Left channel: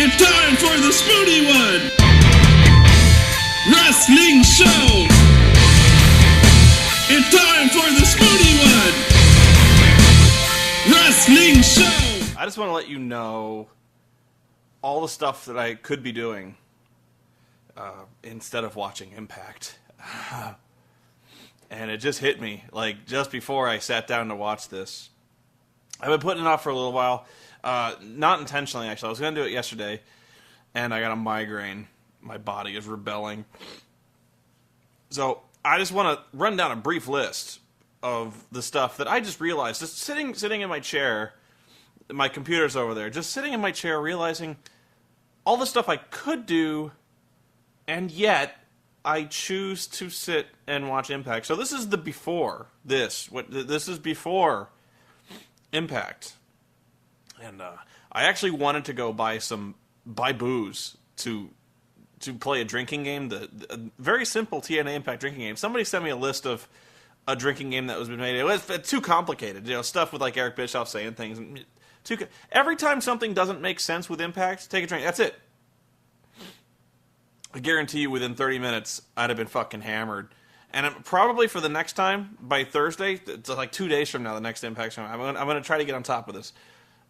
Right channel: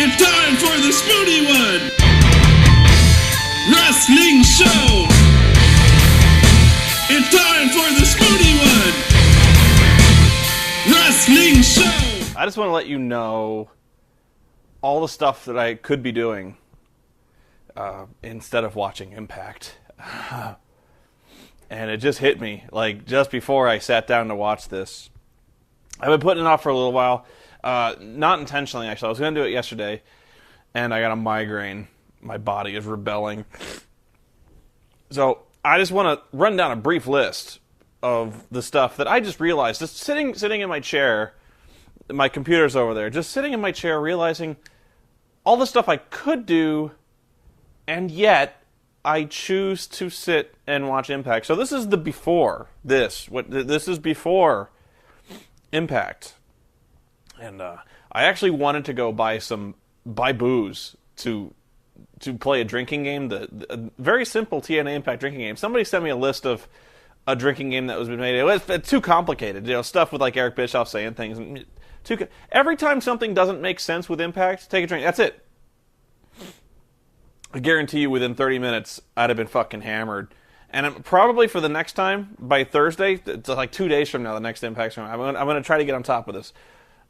It's time for the Spoony One! Wrestling Show! It's time for the Spoony One! Wrestling Show! I just want to let you know all the stuff that I could be doing instead of watching Impact. And it just hit me, like, just before I sat down to watch this. I've been putting it off for a little while. Not intentionally, actually. I was going to do it yesterday, and I got a migraine. My body is rebelling. So, I just want to run down a brief list of the stuff that I just realized. Just sitting in my chair, my computer's over there, just sitting in my chair realizing all the stuff I could do, and yet I choose to sit and watch Impact. So this is the before this. This is before Impact. And I actually wanted to go buy booze to play a drinking game, a very simple TNA Impact drinking game. Somebody sent me a list of a drinking game that was been made. It's too complicated, stuff with like Eric Bischoff saying things. Every time something doesn't make sense with Impact, take a drink. That's it. I guarantee you, within 30 minutes, I'd have been fucking hammered. And probably for the next time, by Thursday, it's like 2 days from now, the next Impact's going. I'm going to try to get on top of this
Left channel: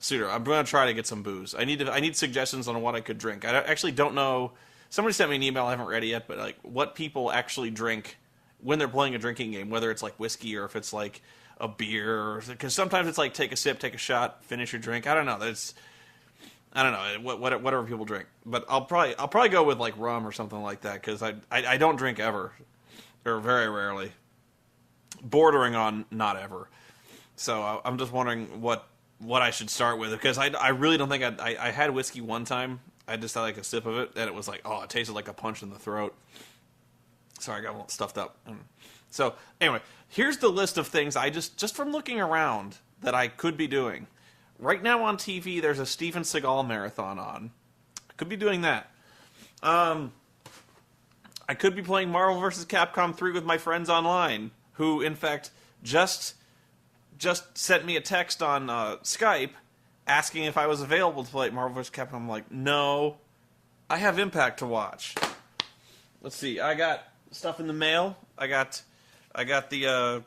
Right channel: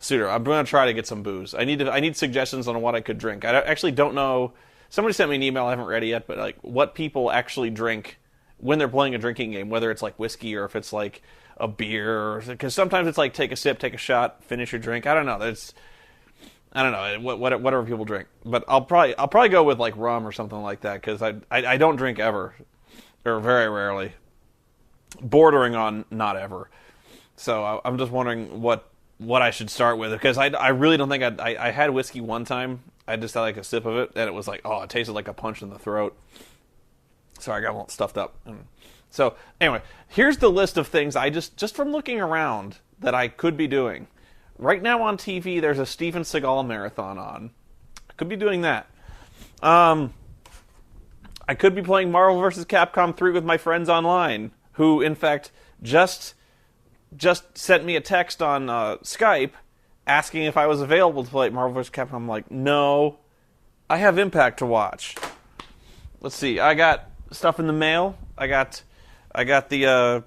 sooner. I'm going to try to get some booze. I need suggestions on what I could drink. I actually don't know. Somebody sent me an email. I haven't read it yet, but like what people actually drink when they're playing a drinking game, whether it's like whiskey or if it's like a beer, because sometimes it's like take a sip, take a shot, finish your drink. I don't know. I don't know, whatever people drink. But I'll probably go with like rum or something like that, because I don't drink ever, or very rarely, bordering on not ever. So I'm just wondering what I should start with, because I really don't think I had whiskey one time. I just had like a sip of it, and it was like, oh, it tasted like a punch in the throat. So I got all stuffed up. So anyway, here's the list of things I just from looking around that I could be doing. Right now on TV, there's a Steven Seagal marathon on. I could be doing that. I could be playing Marvel vs. Capcom 3 with my friends online, who, in fact, just sent me a text on Skype asking if I was available to play Marvel vs. Capcom. I'm like, no, I have Impact to watch. Let's see. I got stuff in the mail. I got the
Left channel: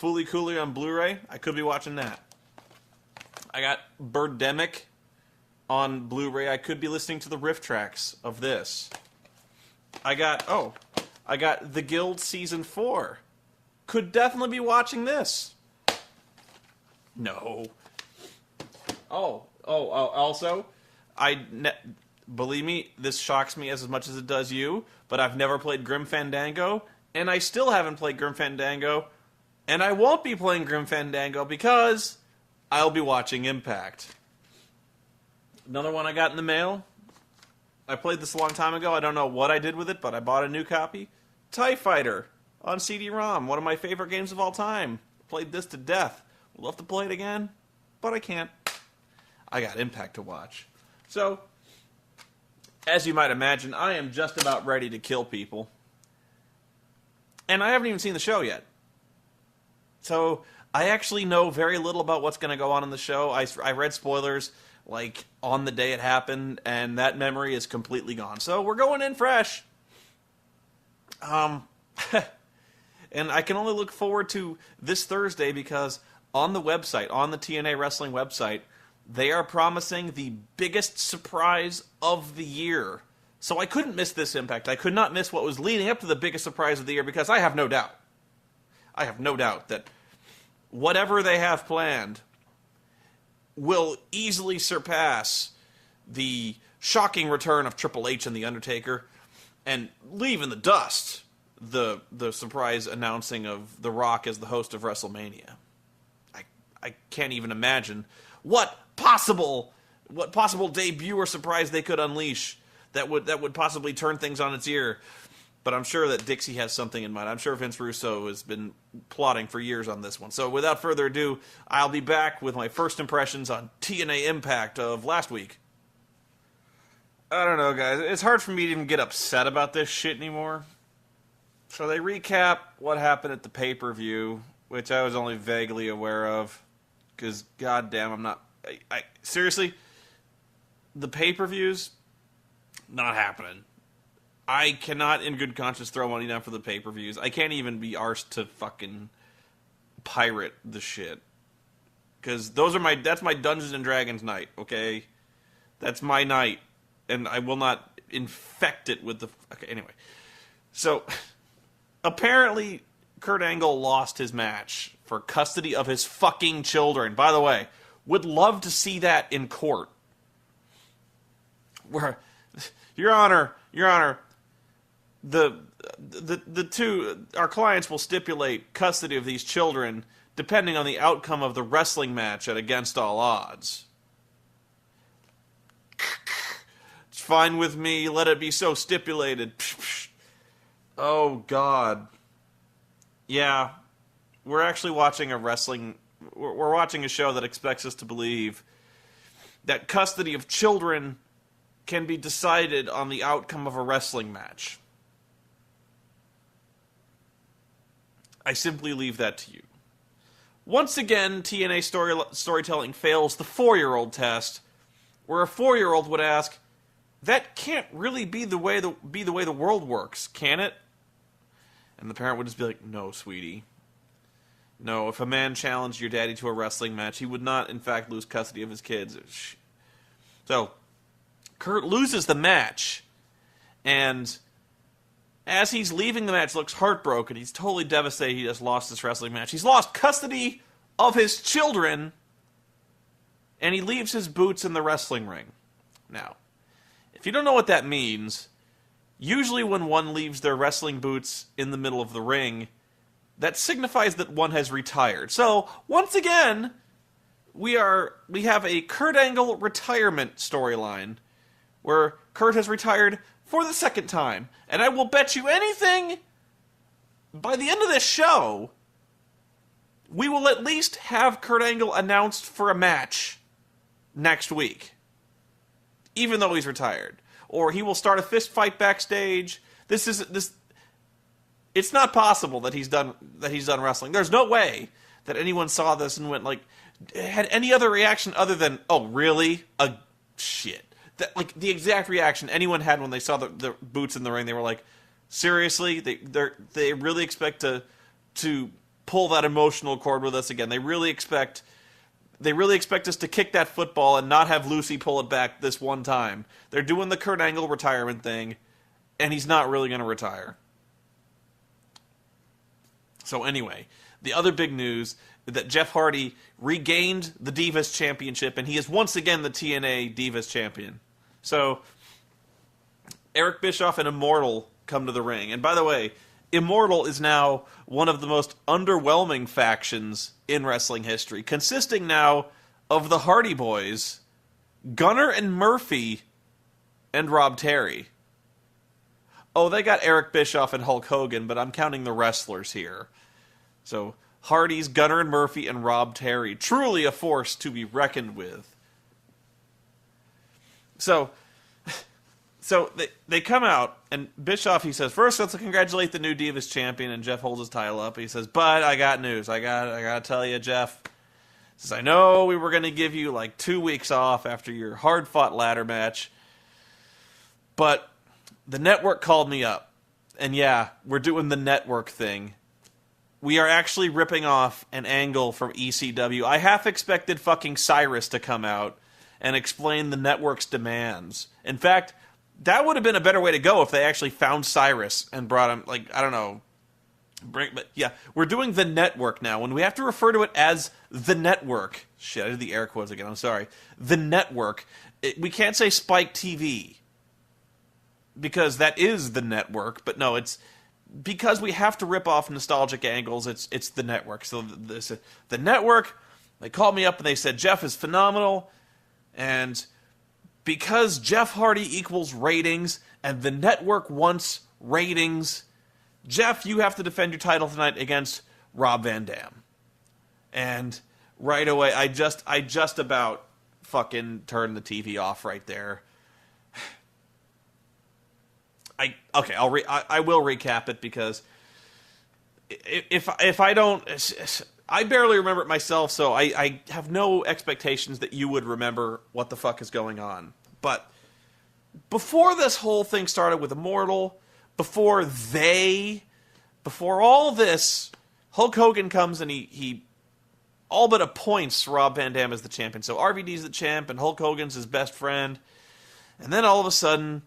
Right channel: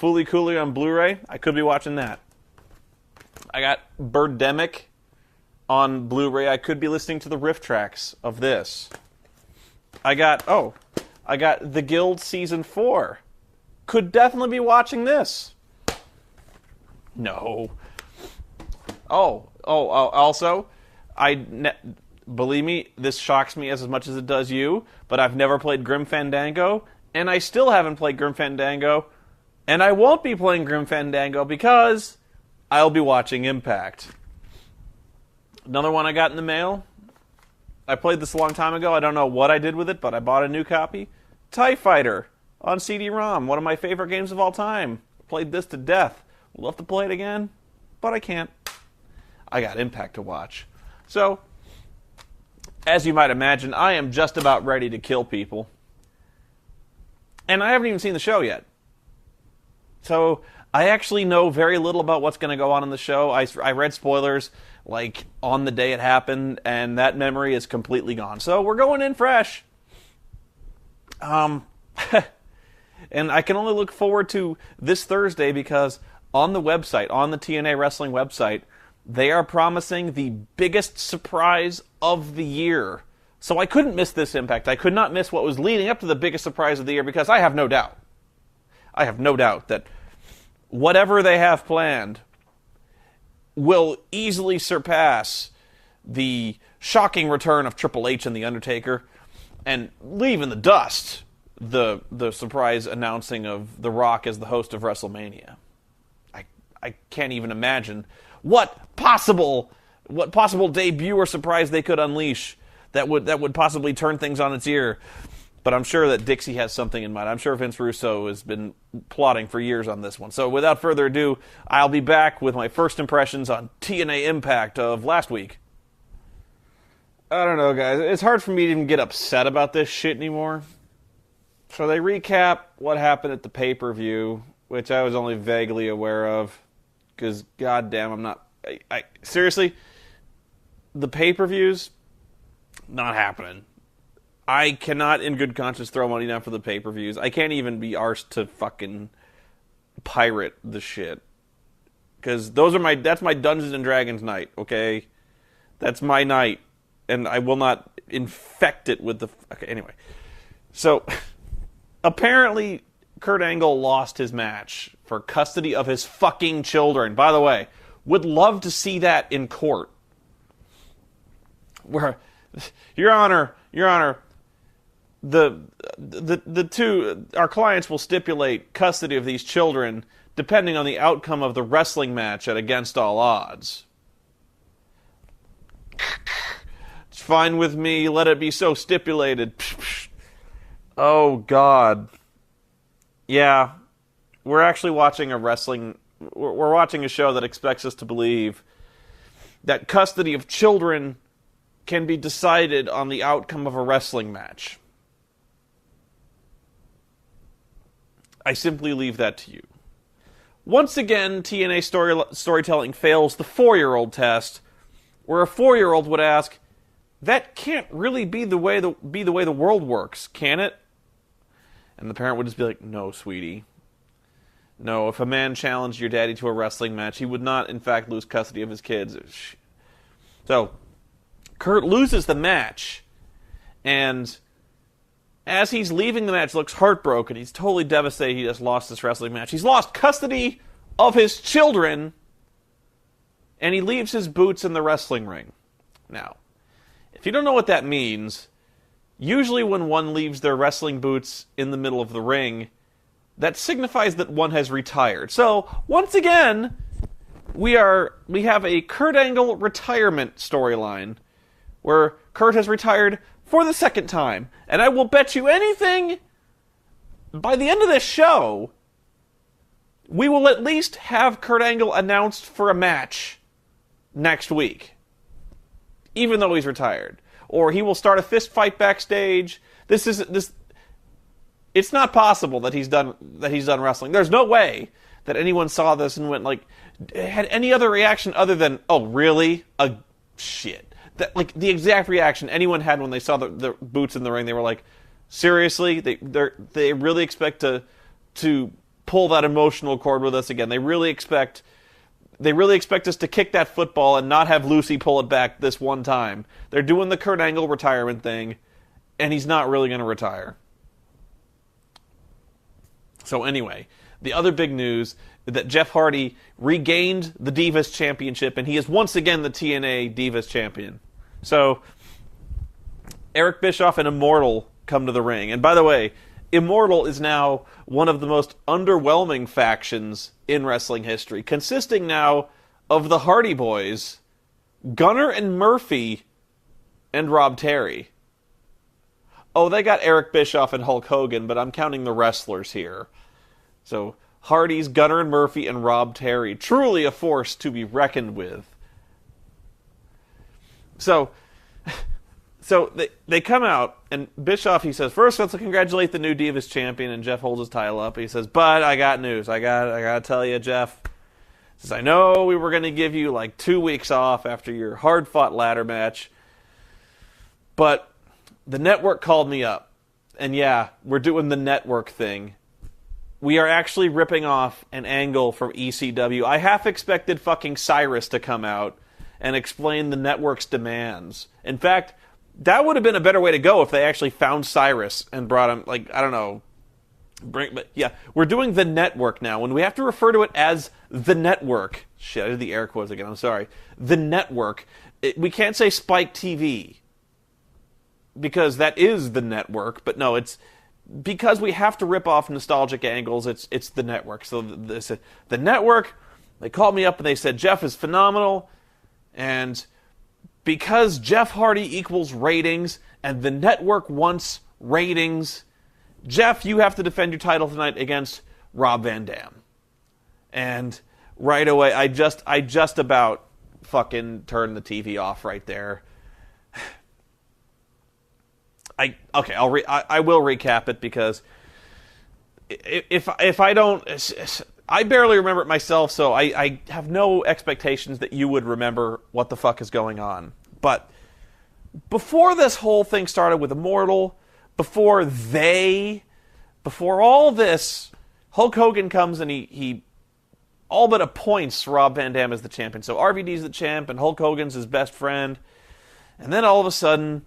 Fooly Cooly on Blu-ray. I could be watching that. I got Birdemic on Blu-ray. I could be listening to the riff tracks of this. I got The Guild Season 4. Could definitely be watching this. No. Also, believe me, this shocks me as much as it does you, but I've never played Grim Fandango, and I still haven't played Grim Fandango, and I won't be playing Grim Fandango because I'll be watching Impact. Another one I got in the mail. I played this a long time ago. I don't know what I did with it, but I bought a new copy. TIE Fighter on CD-ROM. One of my favorite games of all time. Played this to death. Would love to play it again, but I can't. I got Impact to watch. So, as you might imagine, I am just about ready to kill people. And I haven't even seen the show yet. So, I actually know very little about what's going to go on in the show. I read spoilers, like, on the day it happened, and that memory is completely gone. So, we're going in fresh. And I can only look forward to this Thursday because on the website, on the TNA Wrestling website, they are promising the biggest surprise of the year. So I couldn't miss this Impact. I could not miss what was leading up to the biggest surprise of the year, because I have no doubt that whatever they have planned will easily surpass the shocking return of Triple H and The Undertaker, and leave in the dust the surprise announcing of The Rock as the host of WrestleMania. I can't even imagine what possible debut or surprise they could unleash that would possibly turn things on its ear. But I'm sure that Dixie has something in mind. I'm sure Vince Russo has been plotting for years on this one. So without further ado, I'll be back with my first impressions on TNA Impact of last week. I don't know, guys. It's hard for me to even get upset about this shit anymore. So they recap what happened at the pay-per-view, which I was only vaguely aware of. Because, goddamn, I'm not... I seriously, the pay-per-views, not happening. I cannot, in good conscience, throw money down for the pay-per-views. I can't even be arsed to fucking pirate the shit. Because that's my Dungeons and Dragons night, okay? That's my night. And I will not infect it with the... Okay, anyway. So, apparently, Kurt Angle lost his match for custody of his fucking children. By the way, would love to see that in court. Where, Your Honor, the two, our clients will stipulate custody of these children depending on the outcome of the wrestling match at Against All Odds. It's fine with me, let it be so stipulated. Oh, God. Yeah, we're actually watching we're watching a show that expects us to believe that custody of children can be decided on the outcome of a wrestling match. I simply leave that to you. Once again, TNA storytelling fails the 4-year-old test, where a 4-year-old would ask, "That can't really be the way the world works, can it?" And the parent would just be like, "No, sweetie. No, if a man challenged your daddy to a wrestling match, he would not, in fact, lose custody of his kids." So, Kurt loses the match, and as he's leaving the match, looks heartbroken. He's totally devastated he just lost this wrestling match. He's lost custody of his children, and he leaves his boots in the wrestling ring. Now, if you don't know what that means, usually when one leaves their wrestling boots in the middle of the ring, that signifies that one has retired. So, once again, we have a Kurt Angle retirement storyline, where Kurt has retired for the second time. And I will bet you anything, by the end of this show, we will at least have Kurt Angle announced for a match next week, even though he's retired. Or he will start a fist fight backstage. It's not possible that he's done wrestling. There's no way that anyone saw this and went had any other reaction other than, "Oh, really? Shit." That, the exact reaction anyone had when they saw the boots in the ring. They were like, "Seriously? They really expect to pull that emotional cord with us again. They really expect us to kick that football and not have Lucy pull it back this one time. They're doing the Kurt Angle retirement thing, and he's not really going to retire." So anyway, the other big news is that Jeff Hardy regained the Divas Championship, and he is once again the TNA Divas Champion. So, Eric Bischoff and Immortal come to the ring. And by the way, Immortal is now one of the most underwhelming factions in wrestling history, consisting now of the Hardy Boys, Gunner and Murphy, and Rob Terry. Oh, they got Eric Bischoff and Hulk Hogan, but I'm counting the wrestlers here. So, Hardy's, Gunner and Murphy, and Rob Terry. Truly a force to be reckoned with. So they come out, and Bischoff, he says, "First, let's congratulate the new Divas Champion," and Jeff holds his title up. He says, "But I got news. I gotta tell you, Jeff." He says, "I know we were going to give you 2 weeks off after your hard-fought ladder match, but the network called me up. And yeah, we're doing the network thing. We are actually ripping off an angle from ECW. I half expected fucking Cyrus to come out and explain the network's demands. In fact, that would have been a better way to go if they actually found Cyrus and brought him, I don't know. But yeah, we're doing the network now. When we have to refer to it as the network. Shit, I did the air quotes again, I'm sorry. The network. We can't say Spike TV, because that is the network. But no, it's because we have to rip off nostalgic angles. It's the network. So the network, they called me up and they said, Jeff is phenomenal. And because Jeff Hardy equals ratings, and the network wants ratings, Jeff, you have to defend your title tonight against Rob Van Dam. And right away, I just about fucking turned the TV off right there. I will recap it, because if I don't, I barely remember it myself, so I have no expectations that you would remember what the fuck is going on. But before this whole thing started with Immortal, before all this, Hulk Hogan comes and he all but appoints Rob Van Dam as the champion. So RVD's the champ, and Hulk Hogan's his best friend. And then all of a sudden,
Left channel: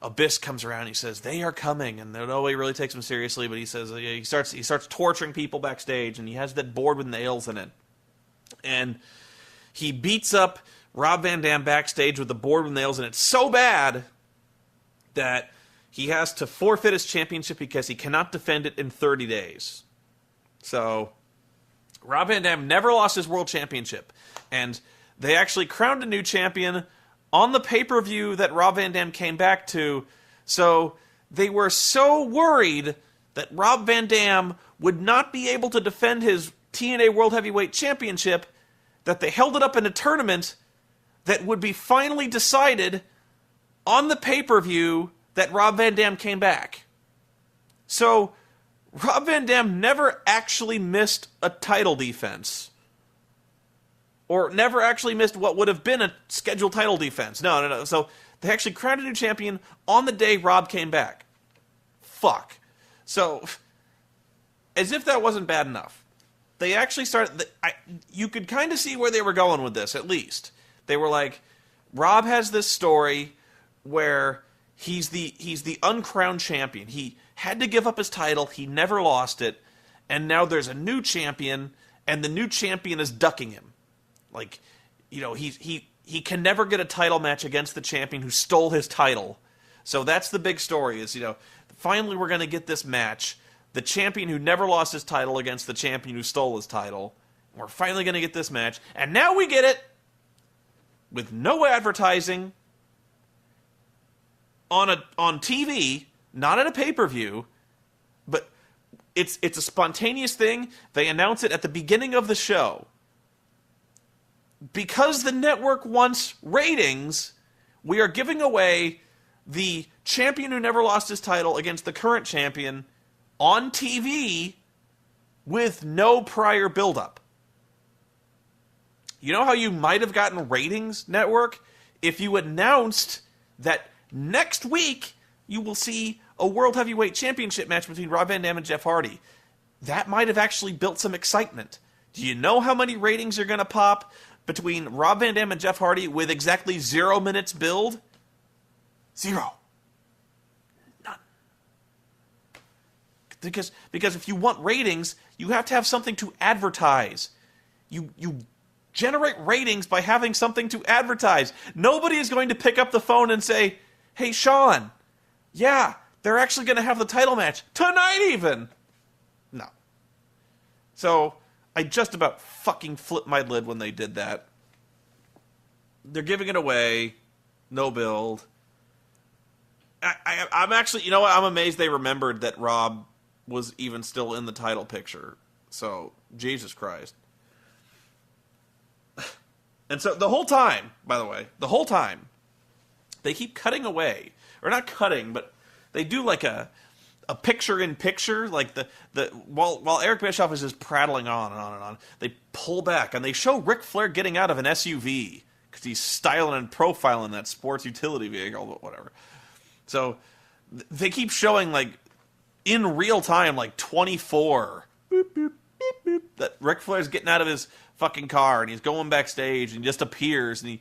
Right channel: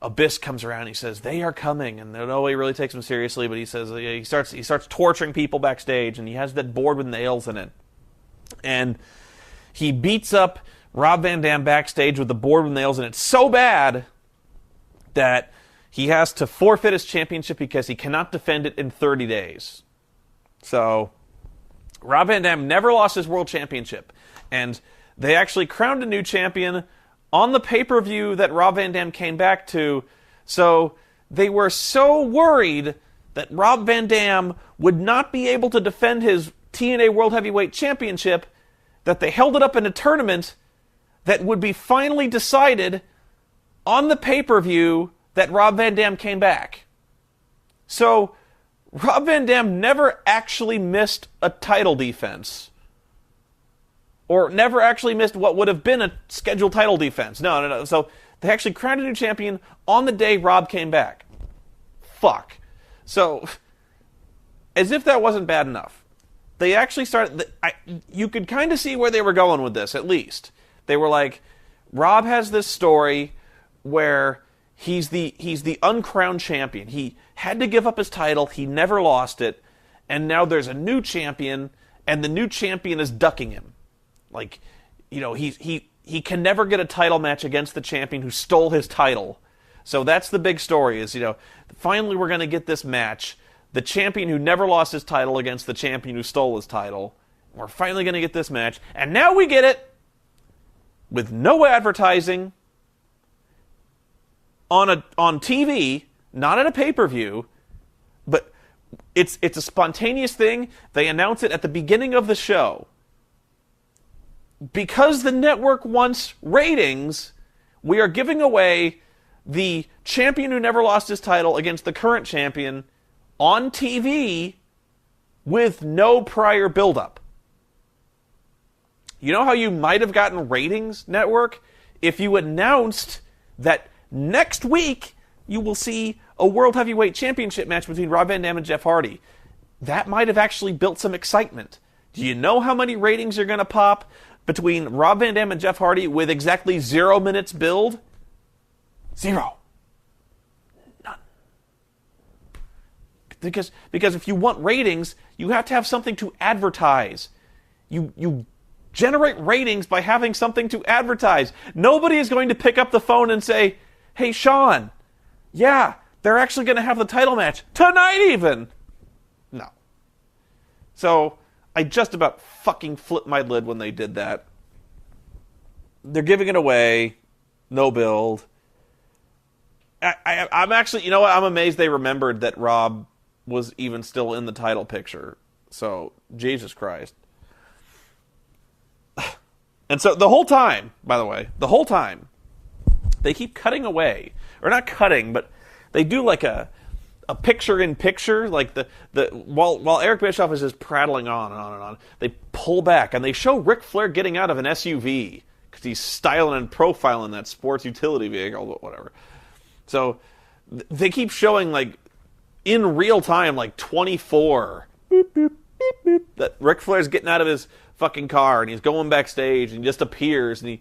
Abyss comes around and he says, they are coming. And nobody really takes him seriously, but he says he starts torturing people backstage, and he has that board with nails in it. And he beats up Rob Van Dam backstage with the board with nails in it so bad that he has to forfeit his championship because he cannot defend it in 30 days. So Rob Van Dam never lost his world championship. And they actually crowned a new champion on the pay-per-view that Rob Van Dam came back to. So they were so worried that Rob Van Dam would not be able to defend his TNA World Heavyweight Championship that they held it up in a tournament that would be finally decided on the pay-per-view that Rob Van Dam came back. So Rob Van Dam never actually missed a title defense. Or never actually missed what would have been a scheduled title defense. No. So they actually crowned a new champion on the day Rob came back. Fuck. So, as if that wasn't bad enough, they actually started... you could kind of see where they were going with this, at least. They were like, Rob has this story where he's the uncrowned champion. He had to give up his title. He never lost it. And now there's a new champion, and the new champion is ducking him. Like, you know, he can never get a title match against the champion who stole his title. So that's the big story is, you know, finally we're going to get this match. The champion who never lost his title against the champion who stole his title. We're finally going to get this match. And now we get it with no advertising on TV, not on a pay-per-view, but it's a spontaneous thing. They announce it at the beginning of the show. Because the network wants ratings, we are giving away the champion who never lost his title against the current champion on TV with no prior build-up. You know how you might have gotten ratings, network? If you announced that next week you will see a World Heavyweight Championship match between Rob Van Dam and Jeff Hardy. That might have actually built some excitement. Do you know how many ratings are going to pop between Rob Van Dam and Jeff Hardy with exactly 0 minutes build? 0. None. Because if you want ratings, you have to have something to advertise. You generate ratings by having something to advertise. Nobody is going to pick up the phone and say, hey, Sean, yeah, they're actually going to have the title match tonight even. No. So I just about fucking flipped my lid when they did that. They're giving it away. No build. I'm actually, you know what? I'm amazed they remembered that Rob was even still in the title picture. So, Jesus Christ. And so the whole time, by the way, they keep cutting away. Or not cutting, but they do like a picture-in-picture, like while Eric Bischoff is just prattling on and on and on, they pull back and they show Ric Flair getting out of an SUV because he's styling and profiling that sports utility vehicle, but whatever. So they keep showing like in real time, like 24, boop, boop, beep, boop, that Ric Flair's getting out of his fucking car and he's going backstage and just appears and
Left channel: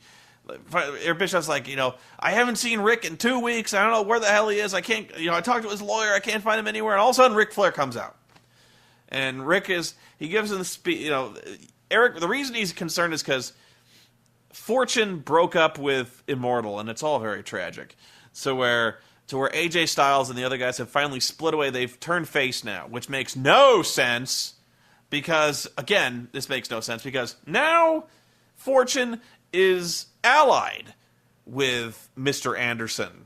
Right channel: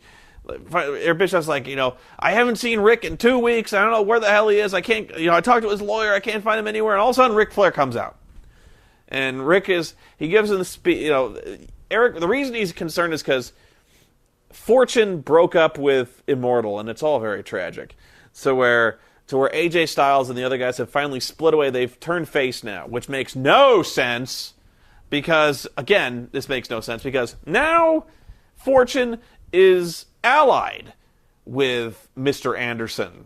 Eric Bischoff's like, you know, I haven't seen Rick in 2 weeks. I don't know where the hell he is. I can't, you know, I talked to his lawyer. I can't find him anywhere. And all of a sudden, Ric Flair comes out. And he gives him the speech, you know, Eric, the reason he's concerned is because Fortune broke up with Immortal, and it's all very tragic. So where AJ Styles and the other guys have finally split away, they've turned face now, which makes no sense because, again, this makes no sense because now Fortune is allied with Mr. Anderson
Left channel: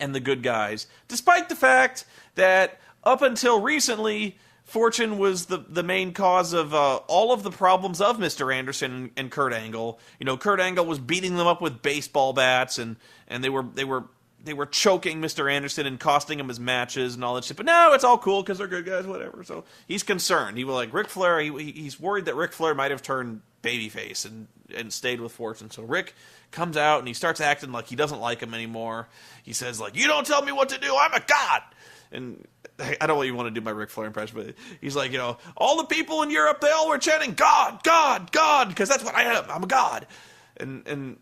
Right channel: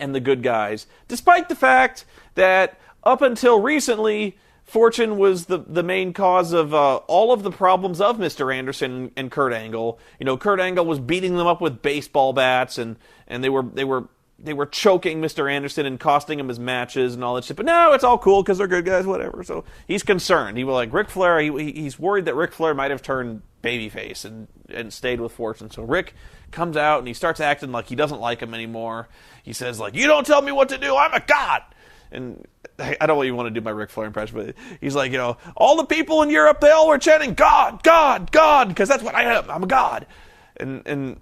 and the good guys, despite the fact that up until recently, Fortune was the main cause of all of the problems of Mr. Anderson and Kurt Angle. You know, Kurt Angle was beating them up with baseball bats, and they were choking Mr. Anderson and costing him his matches and all that shit. But no, it's all cool because they're good guys, whatever. So he's concerned. He was like Ric Flair. He's worried that Ric Flair might have turned babyface and stayed with Fortune. So Rick comes out and he starts acting like he doesn't like him anymore. He says, like, you don't tell me what to do, I'm a god! And I don't even want to do my Ric Flair impression, but he's like, all the people in Europe, they all were chanting, God, God, God, because that's what I am, I'm a god. And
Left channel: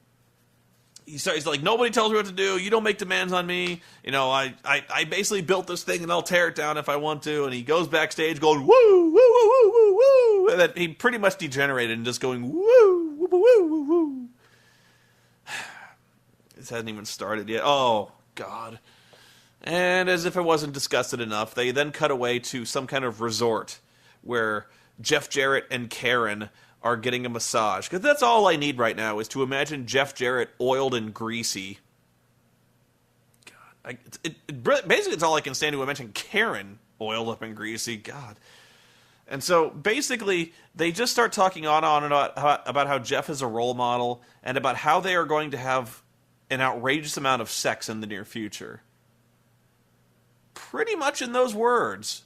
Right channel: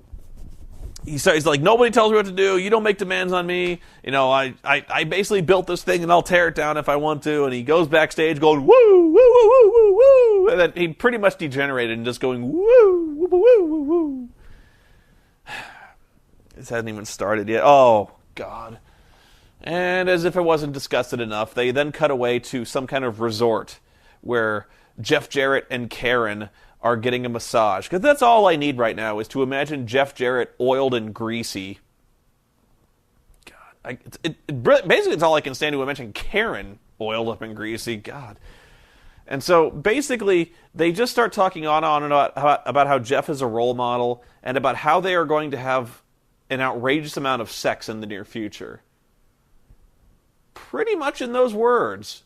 he's like, nobody tells me what to do, you don't make demands on me, I basically built this thing and I'll tear it down if I want to, and he goes backstage going, woo, woo, woo, woo, woo, woo, and then he pretty much degenerated and just going, woo, woo, woo, woo, woo. This hasn't even started yet. Oh, God. And as if it wasn't disgusted enough, they then cut away to some kind of resort where Jeff Jarrett and Karen are getting a massage. Because that's all I need right now, is to imagine Jeff Jarrett oiled and greasy. God. Basically, it's all I can stand to imagine Karen oiled up and greasy. God. And so, basically, they just start talking on and on about how Jeff is a role model, and about how they are going to have an outrageous amount of sex in the near future. Pretty much in those words.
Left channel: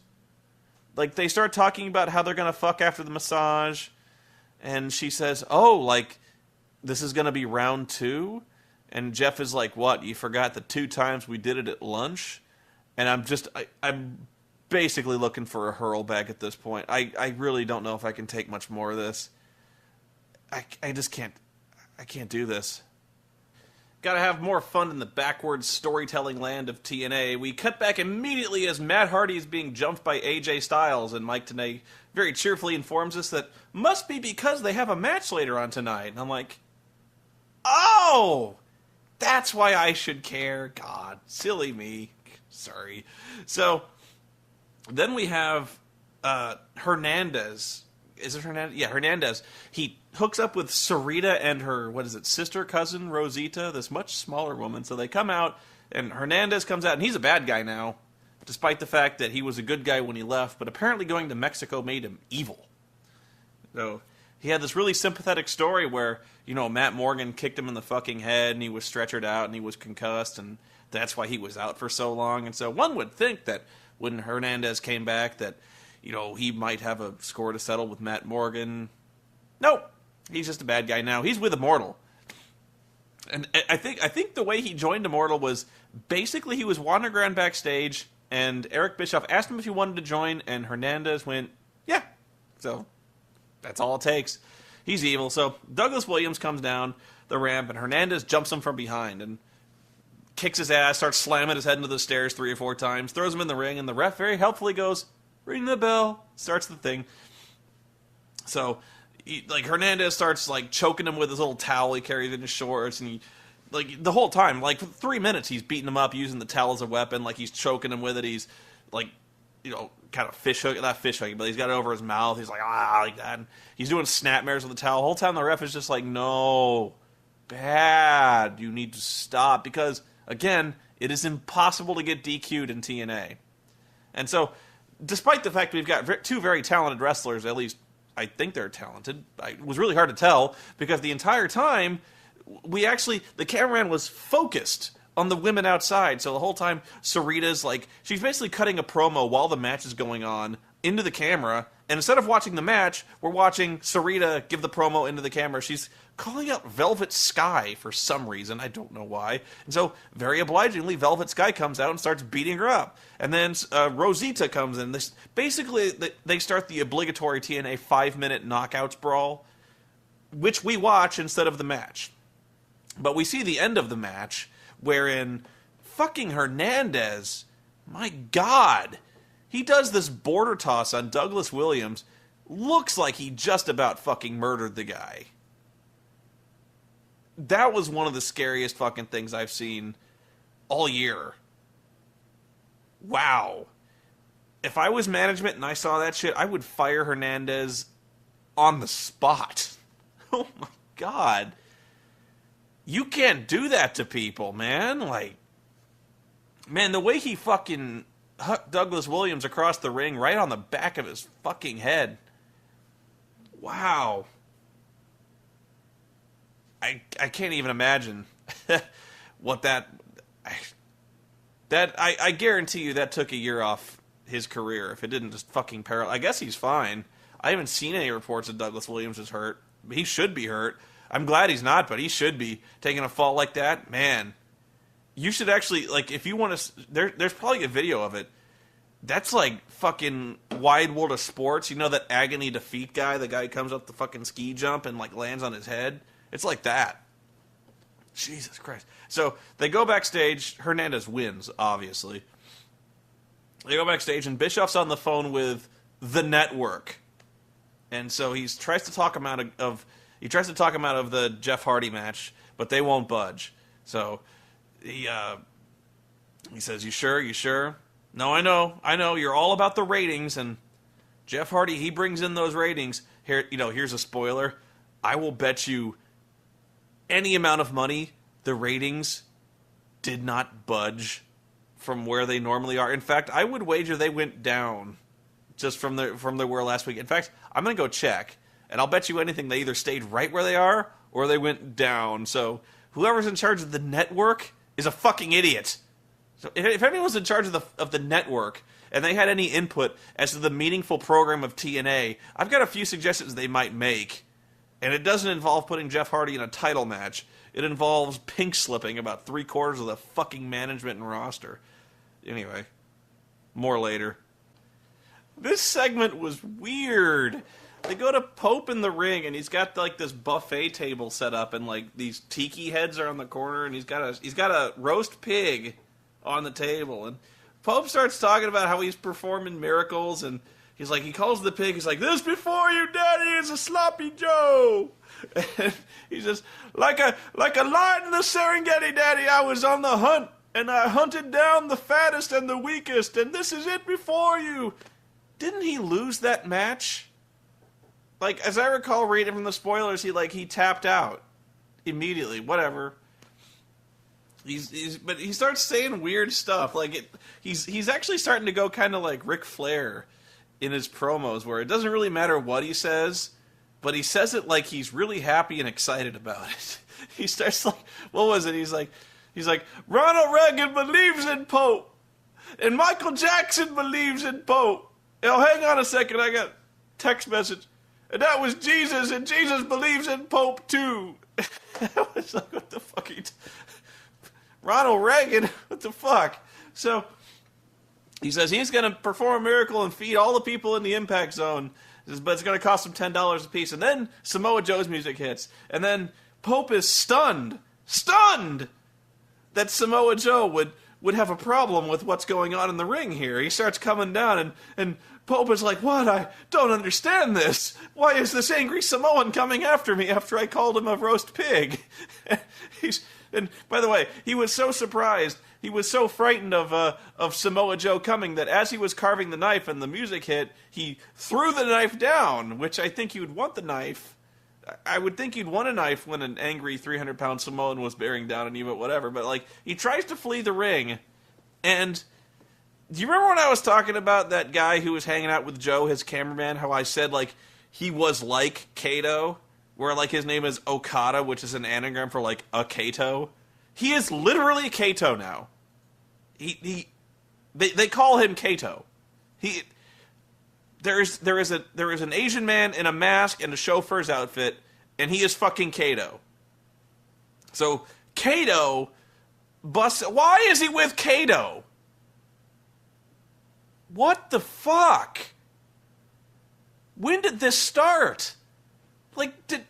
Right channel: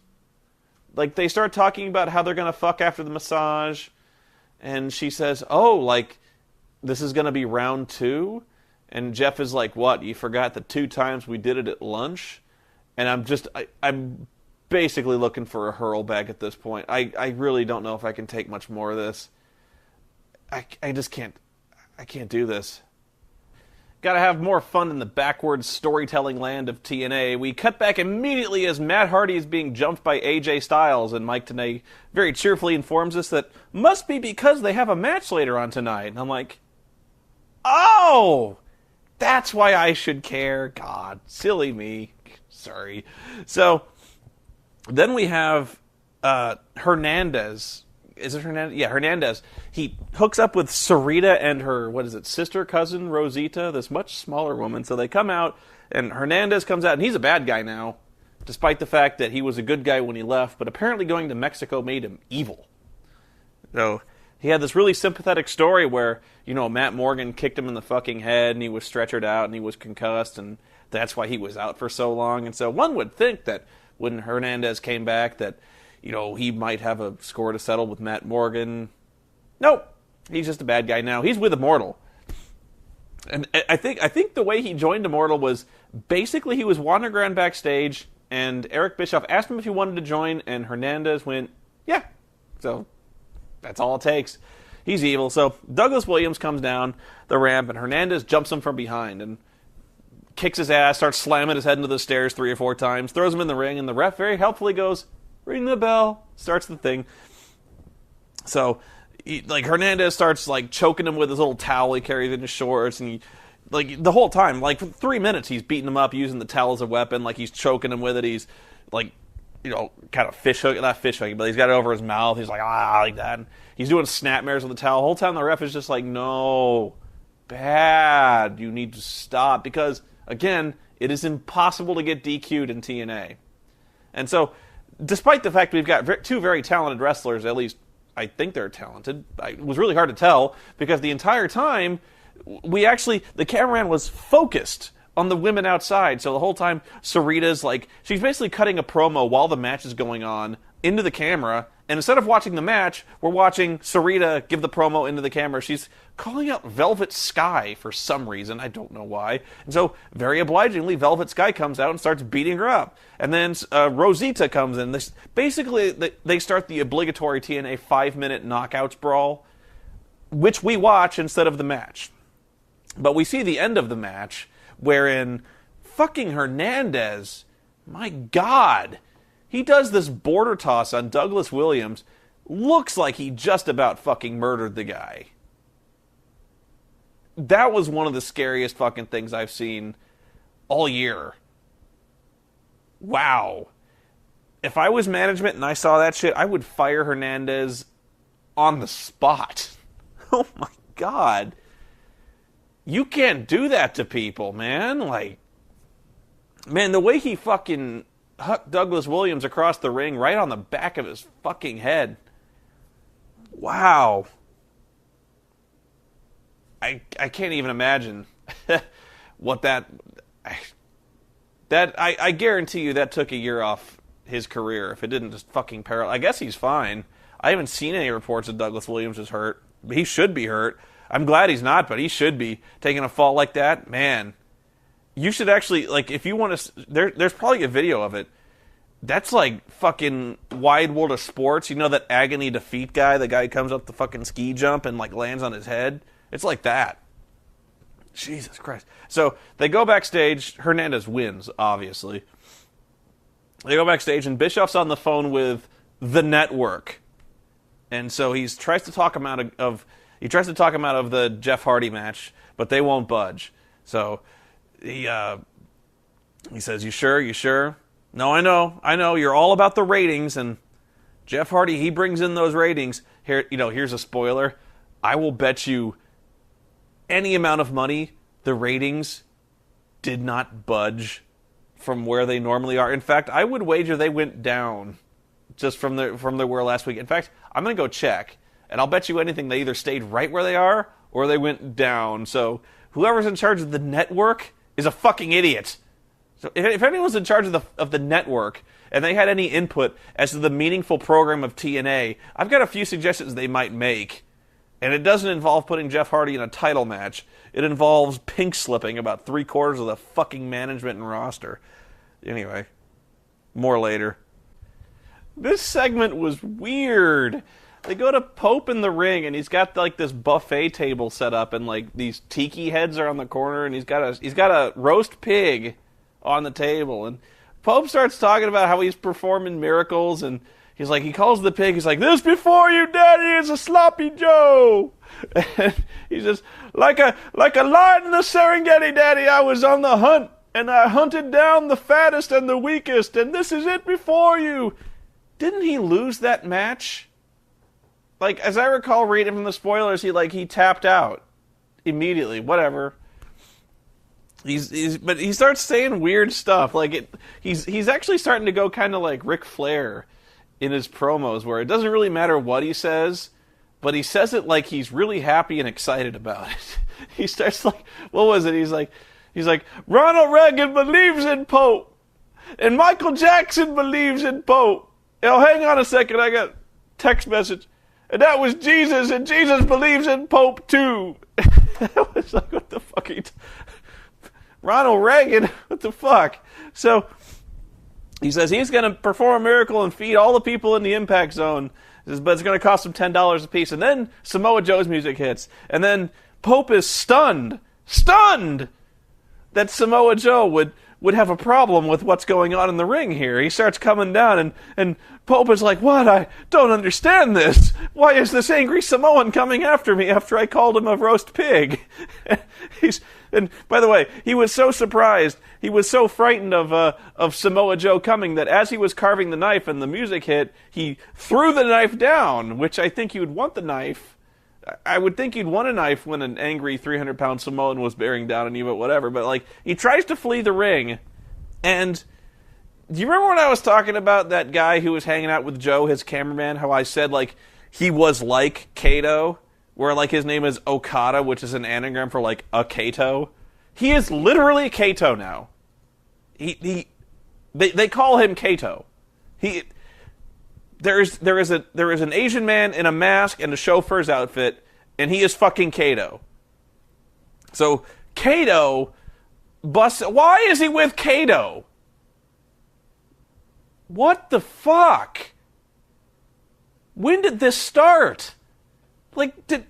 Like, they start talking about how they're going to fuck after the massage, and she says, oh, like, this is going to be round 2? And Jeff is like, what, you forgot the 2 times we did it at lunch? And I'm basically looking for a hurl back at this point. I really don't know if I can take much more of this. I just can't. I can't do this. Gotta have more fun in the backwards storytelling land of TNA. We cut back immediately as Matt Hardy is being jumped by AJ Styles, and Mike Tenay very cheerfully informs us that must be because they have a match later on tonight. And I'm like, oh, that's why I should care. God, silly me. Sorry. So then we have Hernandez. Is it Hernandez? Yeah, Hernandez. He hooks up with Sarita and her, sister cousin, Rosita, this much smaller woman. So they come out, and Hernandez comes out, and he's a bad guy now, despite the fact that he was a good guy when he left, but apparently going to Mexico made him evil. So he had this really sympathetic story where, Matt Morgan kicked him in the fucking head, and he was stretchered out, and he was concussed, and that's why he was out for so long. And so one would think that when Hernandez came back that, he might have a score to settle with Matt Morgan. Nope. He's just a bad guy now. He's with Immortal. And I think the way he joined Immortal was basically he was wandering around backstage, and Eric Bischoff asked him if he wanted to join, and Hernandez went, yeah. So that's all it takes. He's evil. So Douglas Williams comes down the ramp, and Hernandez jumps him from behind and kicks his ass, starts slamming his head into the stairs 3 or 4 times, throws him in the ring, and the ref very helpfully goes, ring the bell, starts the thing. So, Hernandez starts, choking him with his little towel he carries in his shorts, and the whole time, for 3 minutes, he's beating him up using the towel as a weapon, he's choking him with it, he's, kind of not fish hooking, but he's got it over his mouth, he's like that, and he's doing snapmares with the towel. The whole time the ref is just like, no, bad, you need to stop, because, again, it is impossible to get DQ'd in TNA. And so, despite the fact we've got 2 very talented wrestlers, at least I think they're talented, it was really hard to tell, because the entire time, the cameraman was focused on the women outside, so the whole time, Sarita's she's basically cutting a promo while the match is going on into the camera, and instead of watching the match, we're watching Sarita give the promo into the camera. She's calling out Velvet Sky for some reason. I don't know why. And so, very obligingly, Velvet Sky comes out and starts beating her up. And then Rosita comes in. Basically, they start the obligatory TNA 5-minute knockouts brawl, which we watch instead of the match. But we see the end of the match, wherein fucking Hernandez, my God, he does this border toss on Douglas Williams. Looks like he just about fucking murdered the guy. That was one of the scariest fucking things I've seen all year. Wow. If I was management and I saw that shit, I would fire Hernandez on the spot. Oh my God. You can't do that to people, man. Man, the way he fucking hucked Douglas Williams across the ring right on the back of his fucking head. Wow. I can't even imagine what that... I guarantee you that took a year off his career if it didn't just fucking paralyze. I guess he's fine. I haven't seen any reports that Douglas Williams is hurt, He should be hurt. I'm glad he's not, but he should be. Taking a fall like that, man. You should actually, like, if you want to... There's probably a video of it. That's like fucking Wide World of Sports. You know that agony defeat guy? The guy who comes up the fucking ski jump and, like, lands on his head? It's like that. Jesus Christ. So, they go backstage. Hernandez wins, obviously. They go backstage, and Bischoff's on the phone with the network. And so he tries to talk him out of the Jeff Hardy match, but they won't budge. So he says, "You sure? You sure?" "No, I know. You're all about the ratings." And Jeff Hardy, he brings in those ratings. Here, here's a spoiler. I will bet you any amount of money the ratings did not budge from where they normally are. In fact, I would wager they went down just from the were last week. In fact, I'm going to go check, and I'll bet you anything they either stayed right where they are or they went down. So whoever's in charge of the network is a fucking idiot. So if anyone's in charge of the network and they had any input as to the meaningful program of TNA, I've got a few suggestions they might make. And it doesn't involve putting Jeff Hardy in a title match. It involves pink slipping about 3/4 of the fucking management and roster. Anyway, more later. This segment was weird. They go to Pope in the ring, and he's got like this buffet table set up, and like these tiki heads are on the corner, and he's got a roast pig on the table, and Pope starts talking about how he's performing miracles, and he calls the pig, he's like, "This before you, Daddy, is a sloppy Joe." And he says, like a lion in the Serengeti, Daddy, I was on the hunt, and I hunted down the fattest and the weakest, and this is it before you. Didn't he lose that match? Like, as I recall reading from the spoilers, he tapped out immediately. Whatever. But he starts saying weird stuff. Like he's actually starting to go kind of like Ric Flair in his promos, where it doesn't really matter what he says, but he says it like he's really happy and excited about it. He starts like, what was it? He's like, Ronald Reagan believes in Pope, and Michael Jackson believes in Pope. Now, hang on a second, I got a text message. And that was Jesus, and Jesus believes in Pope too. I was like, what the fuck are you Ronald Reagan? What the fuck? So, he says he's going to perform a miracle and feed all the people in the Impact Zone, but it's going to cost him $10 a piece. And then Samoa Joe's music hits. And then Pope is stunned that Samoa Joe would have a problem with what's going on in the ring here. He starts coming down, and Pope is like, "What? I don't understand this. Why is this angry Samoan coming after me after I called him a roast pig?" And by the way, he was so surprised, he was so frightened of Samoa Joe coming that as he was carving the knife and the music hit, he threw the knife down, which I think he would want the knife. I would think you'd want a knife when an angry 300-pound Samoan was bearing down on you, but whatever. But, like, he tries to flee the ring, and do you remember when I was talking about that guy who was hanging out with Joe, his cameraman, how I said, like, he was like Kato, where, like, his name is Okada, which is an anagram for, like, a Kato? He is literally Kato now. They call him Kato. There is an Asian man in a mask and a chauffeur's outfit, and he is fucking Kato. So Kato why is he with Kato? What the fuck? When did this start? Like, did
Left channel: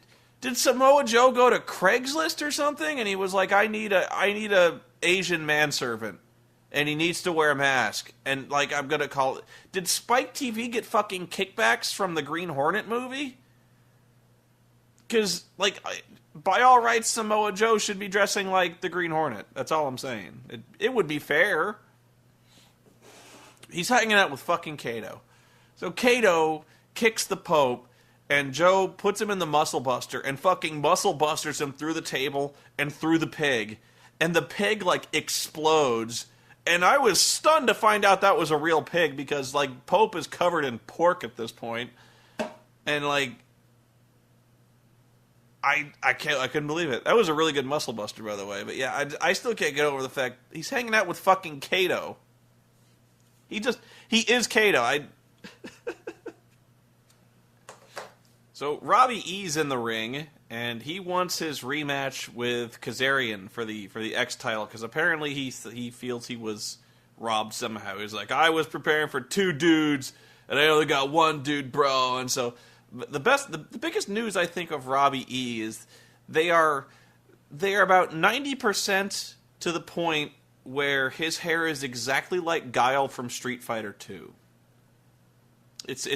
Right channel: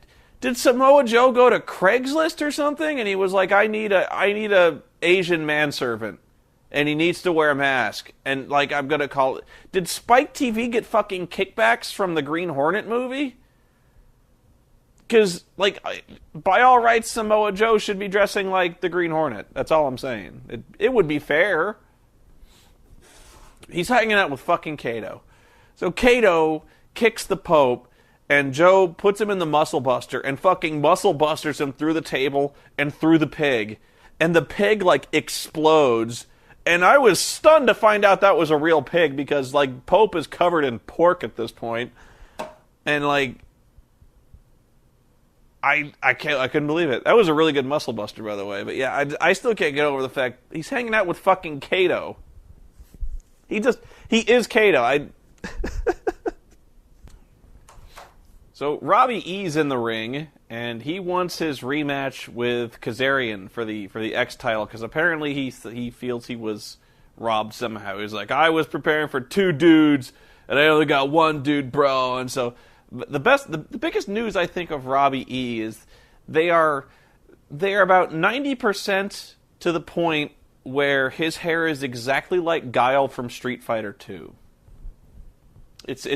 Samoa Joe go to Craigslist or something, and he was like, I need a Asian manservant, and he needs to wear a mask, and, like, I'm gonna call it... Did Spike TV get fucking kickbacks from the Green Hornet movie? Because, like, by all rights, Samoa Joe should be dressing like the Green Hornet. That's all I'm saying. It would be fair. He's hanging out with fucking Kato. So Kato kicks the Pope, and Joe puts him in the Muscle Buster, and fucking Muscle Busters him through the table and through the pig. And the pig, like, explodes. And I was stunned to find out that was a real pig, because, like, Pope is covered in pork at this point. And, like, I couldn't believe it. That was a really good Muscle Buster, by the way. But yeah, I still can't get over the fact he's hanging out with fucking Kato. He is Kato. So Robbie E's in the ring, and he wants his rematch with Kazarian for the X title because apparently he feels he was robbed somehow. He's like, I was preparing for 2 dudes, and I only got 1 dude, bro. And so the biggest news I think of Robbie E is they are about 90% to the point where his hair is exactly like Guile from Street Fighter 2. It's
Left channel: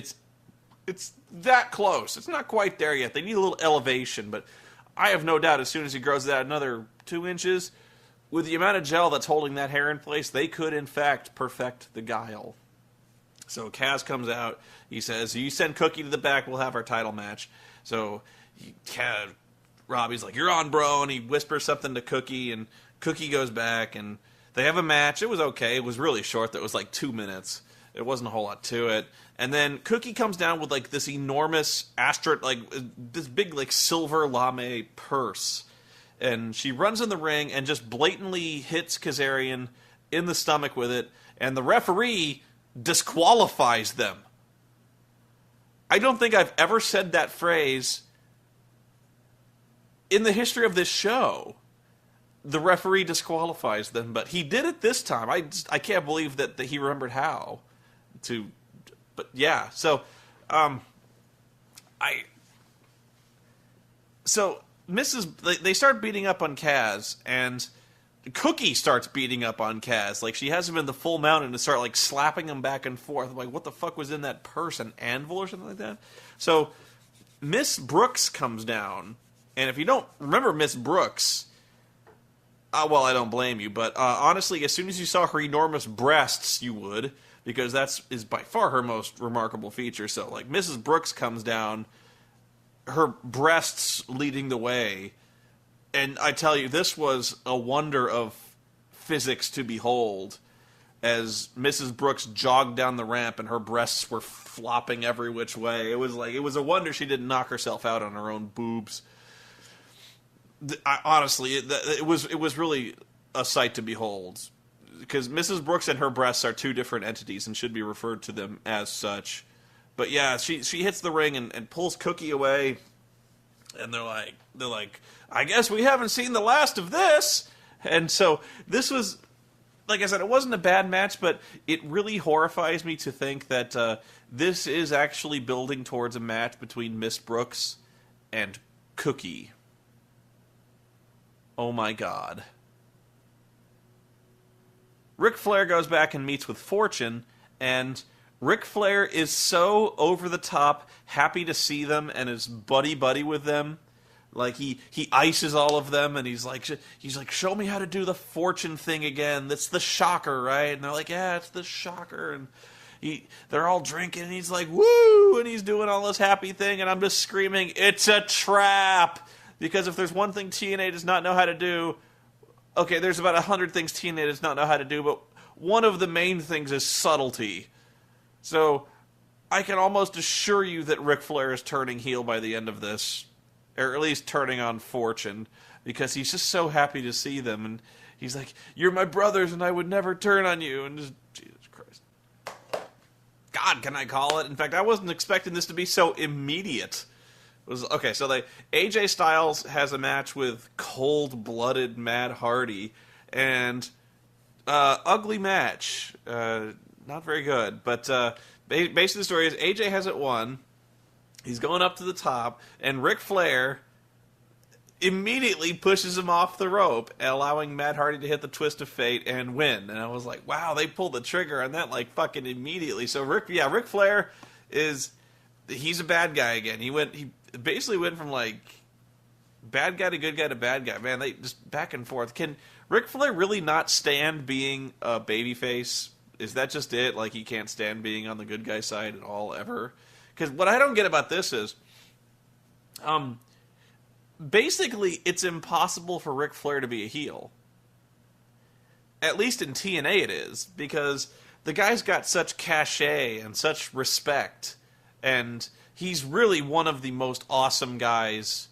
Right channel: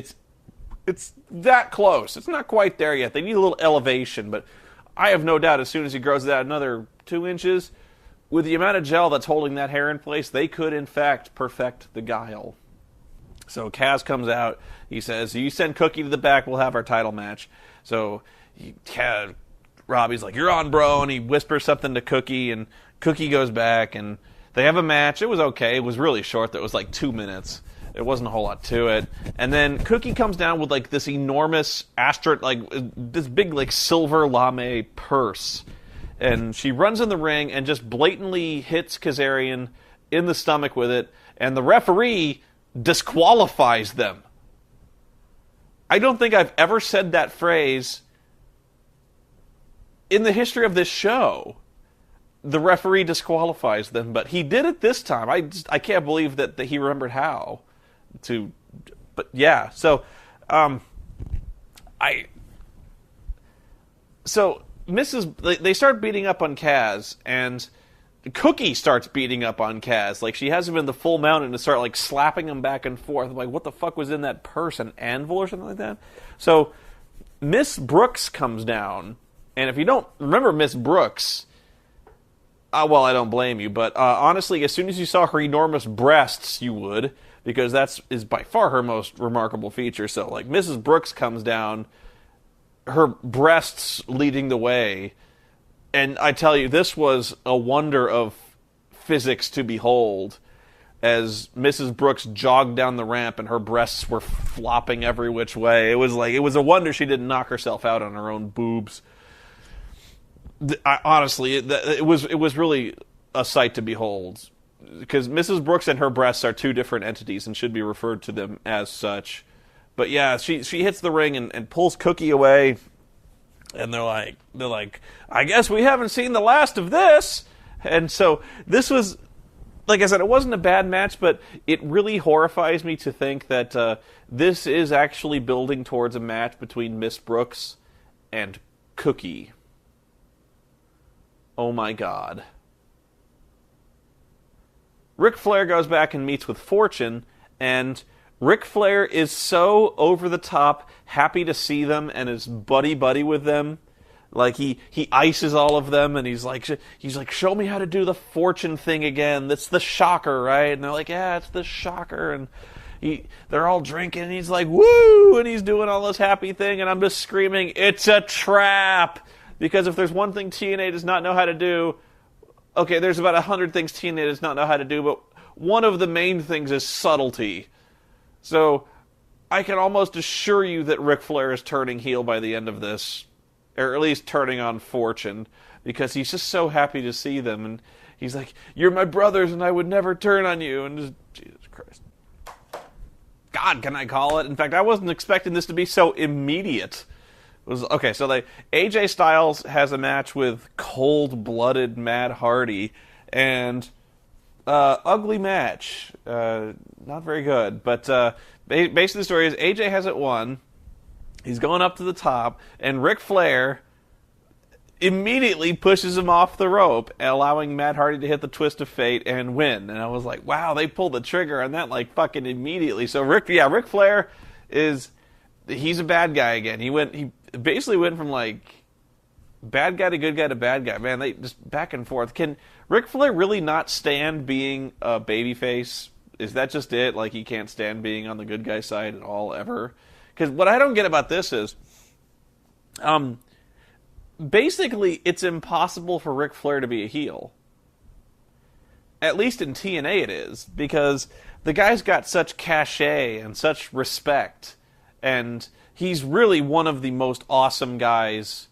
that close. It's not quite there yet. They need a little elevation, but I have no doubt as soon as he grows that another 2 inches, with the amount of gel that's holding that hair in place, they could, in fact, perfect the Guile. So Kaz comes out. He says, you send Cookie to the back, we'll have our title match. So Robbie's like, you're on, bro, and he whispers something to Cookie, and Cookie goes back, and they have a match. It was okay. It was really short. It was like 2 minutes. It wasn't a whole lot to it. And then Cookie comes down with like this enormous this big like silver lame purse. And she runs in the ring and just blatantly hits Kazarian in the stomach with it. And the referee disqualifies them. I don't think I've ever said that phrase in the history of this show. The referee disqualifies them, but he did it this time. I can't believe that he remembered how to. But yeah, so they start beating up on Kaz, and Cookie starts beating up on Kaz. Like, she has him in the full mount and to start like slapping him back and forth. I'm like, what the fuck was in that purse? An anvil or something like that? So Miss Brooks comes down, and if you don't remember Miss Brooks, well, I don't blame you, but honestly, as soon as you saw her enormous breasts, you would, because that is by far her most remarkable feature. So, like, Mrs. Brooks comes down, her breasts leading the way, and I tell you, this was a wonder of physics to behold, as Mrs. Brooks jogged down the ramp and her breasts were flopping every which way. It was a wonder she didn't knock herself out on her own boobs. Honestly, it was really a sight to behold, because Mrs. Brooks and her breasts are 2 different entities and should be referred to them as such. But yeah, she hits the ring and pulls Cookie away, and they're like, I guess we haven't seen the last of this. And so this was, like I said, it wasn't a bad match, but it really horrifies me to think that this is actually building towards a match between Miss Brooks and Cookie. Oh my God. Ric Flair goes back and meets with Fortune, and Ric Flair is so over the top happy to see them and is buddy-buddy with them. Like, he ices all of them, and he's like, show me how to do the Fortune thing again. That's the shocker, right? And they're like, yeah, it's the shocker. And they're all drinking, and he's like, woo! And he's doing all this happy thing, and I'm just screaming, it's a trap! Because if there's one thing TNA does not know how to do, okay, there's about 100 things TNA does not know how to do, but one of the main things is subtlety. So I can almost assure you that Ric Flair is turning heel by the end of this, or at least turning on Fortune, because he's just so happy to see them, and he's like, you're my brothers, and I would never turn on you, and just, Jesus Christ. God, can I call it? In fact, I wasn't expecting this to be so immediate. Okay, so AJ Styles has a match with cold-blooded Matt Hardy, and ugly match, not very good. But basically the story is AJ hasn't won. He's going up to the top, and Ric Flair immediately pushes him off the rope, allowing Matt Hardy to hit the twist of fate and win. And I was like, wow, they pulled the trigger on that like fucking immediately. So Ric Flair he's a bad guy again. He basically went from like bad guy to good guy to bad guy. Man, they just back and forth. Can Ric Flair really not stand being a babyface? Is that just it? Like, he can't stand being on the good guy side at all, ever? Because what I don't get about this is, basically, it's impossible for Ric Flair to be a heel. At least in TNA it is, because the guy's got such cachet and such respect, and he's really one of the most awesome guys.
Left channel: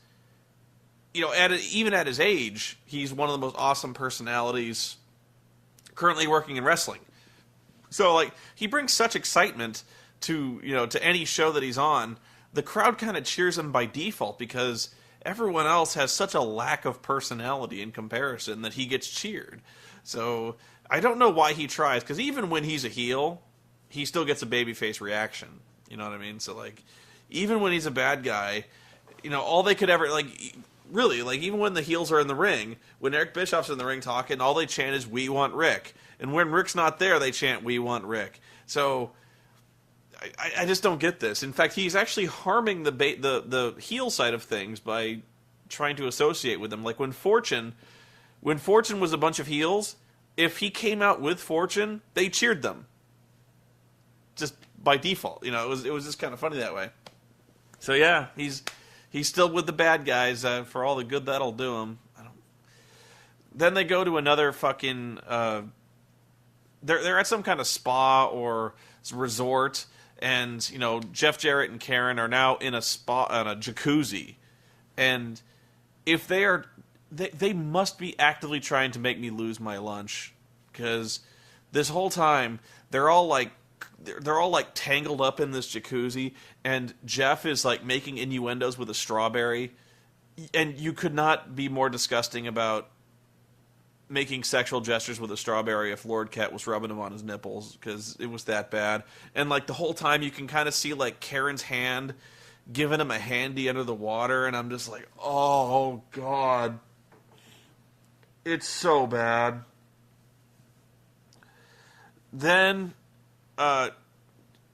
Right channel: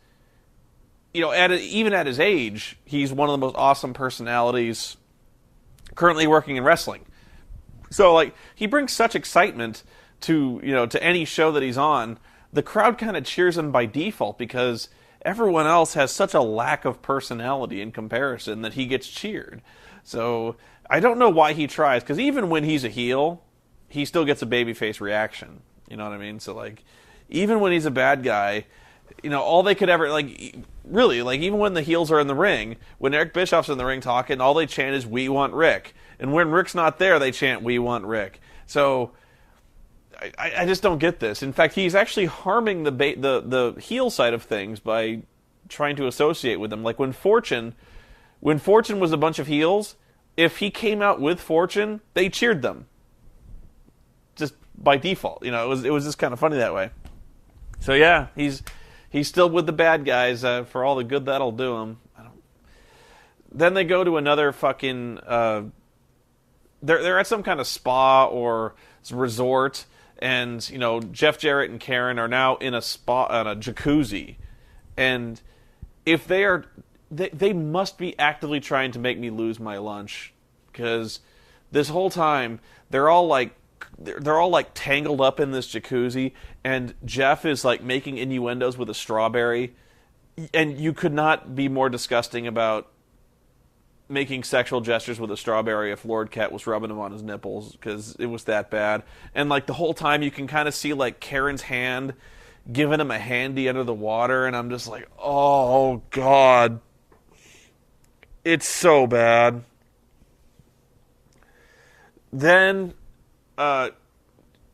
You know, even at his age, he's one of the most awesome personalities currently working in wrestling. So, like, he brings such excitement to any show that he's on, the crowd kind of cheers him by default because everyone else has such a lack of personality in comparison that he gets cheered. So I don't know why he tries, because even when he's a heel, he still gets a babyface reaction. You know what I mean? So, like, even when he's a bad guy, you know, all they could ever, like, really, like, even when the heels are in the ring, when Eric Bischoff's in the ring talking, all they chant is, "We want Rick." And when Rick's not there, they chant, "We want Rick." So I just don't get this. In fact, he's actually harming the heel side of things by trying to associate with them. Like when Fortune was a bunch of heels, if he came out with Fortune, they cheered them just by default. You know, it was just kind of funny that way. So yeah, he's still with the bad guys for all the good that'll do him. Then they go to another fucking. They're at some kind of spa or resort. And, you know, Jeff Jarrett and Karen are now in a spa, on a jacuzzi. And if they must be actively trying to make me lose my lunch. Because this whole time, they're all like tangled up in this jacuzzi. And Jeff is like making innuendos with a strawberry. And you could not be more disgusting about making sexual gestures with a strawberry if Lord Cat was rubbing him on his nipples, because it was that bad. And like the whole time you can kind of see like Karen's hand giving him a handy under the water, and I'm just like, oh God, it's so bad. Then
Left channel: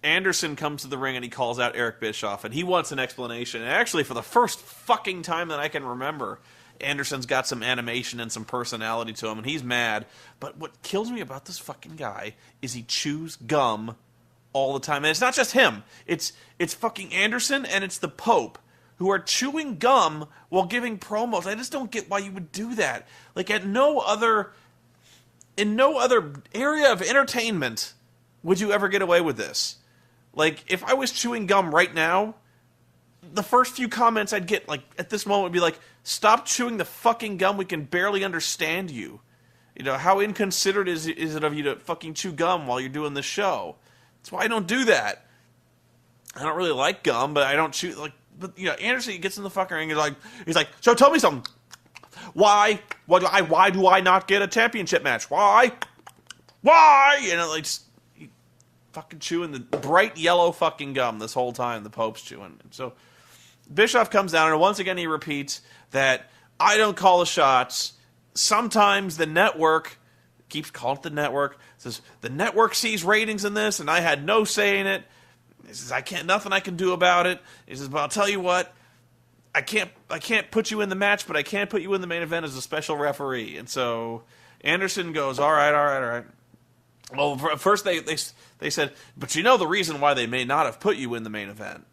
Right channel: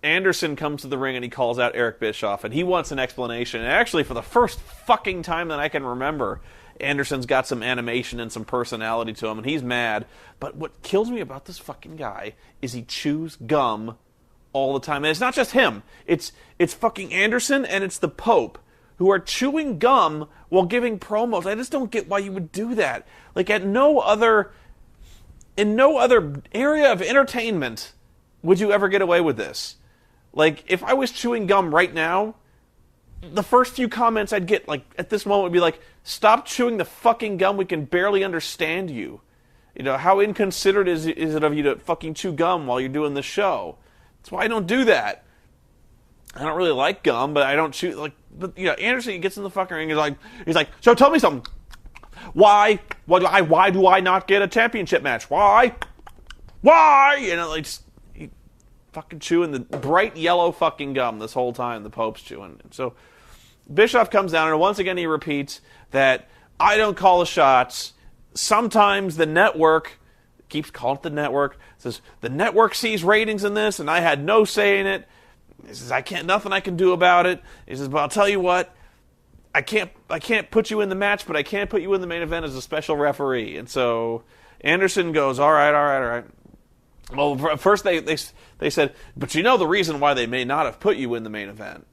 Anderson comes to the ring and he calls out Eric Bischoff, and he wants an explanation. And actually, for the first fucking time that I can remember, Anderson's got some animation and some personality to him, and he's mad. But what kills me about this fucking guy is he chews gum all the time. And it's not just him. It's fucking Anderson and it's the Pope who are chewing gum while giving promos. I just don't get why you would do that. Like, in no other area of entertainment would you ever get away with this. Like, if I was chewing gum right now, the first few comments I'd get, like, at this moment would be like, "Stop chewing the fucking gum, we can barely understand you. You know, how inconsiderate is it of you to fucking chew gum while you're doing this show?" That's why I don't do that. I don't really like gum, but I don't chew, like, but, you know, Anderson gets in the fucking ring and he's like, "So tell me something. Why do I not get a championship match? Why? You know, like, fucking chewing the bright yellow fucking gum this whole time the Pope's chewing. So Bischoff comes down, and once again he repeats that I don't call the shots. Sometimes the network, keeps calling it the network, says the network sees ratings in this, and I had no say in it. He says nothing I can do about it. He says, but I'll tell you what, I can't put you in the match, but I can put you in the main event as a special referee. And so Anderson goes, all right. Well, first they said, but you know the reason why they may not have put you in the main event.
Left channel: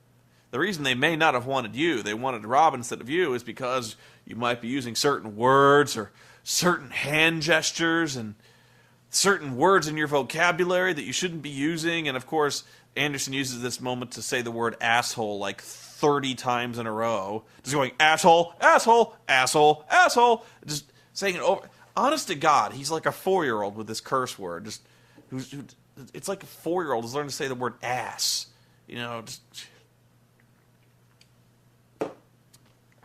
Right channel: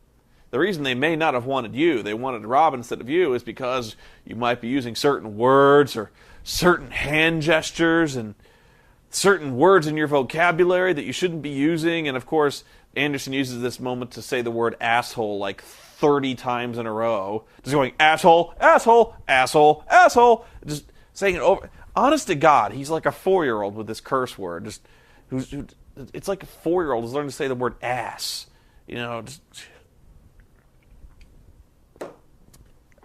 The reason they may not have wanted you, they wanted Rob instead of you, is because you might be using certain words or certain hand gestures and certain words in your vocabulary that you shouldn't be using. And of course, Anderson uses this moment to say the word asshole like 30 times in a row. Just going, asshole, asshole, asshole, asshole. Just saying it over. Honest to God, he's like a 4-year-old with this curse word. It's like a 4-year-old who's learning to say the word ass. You know, just...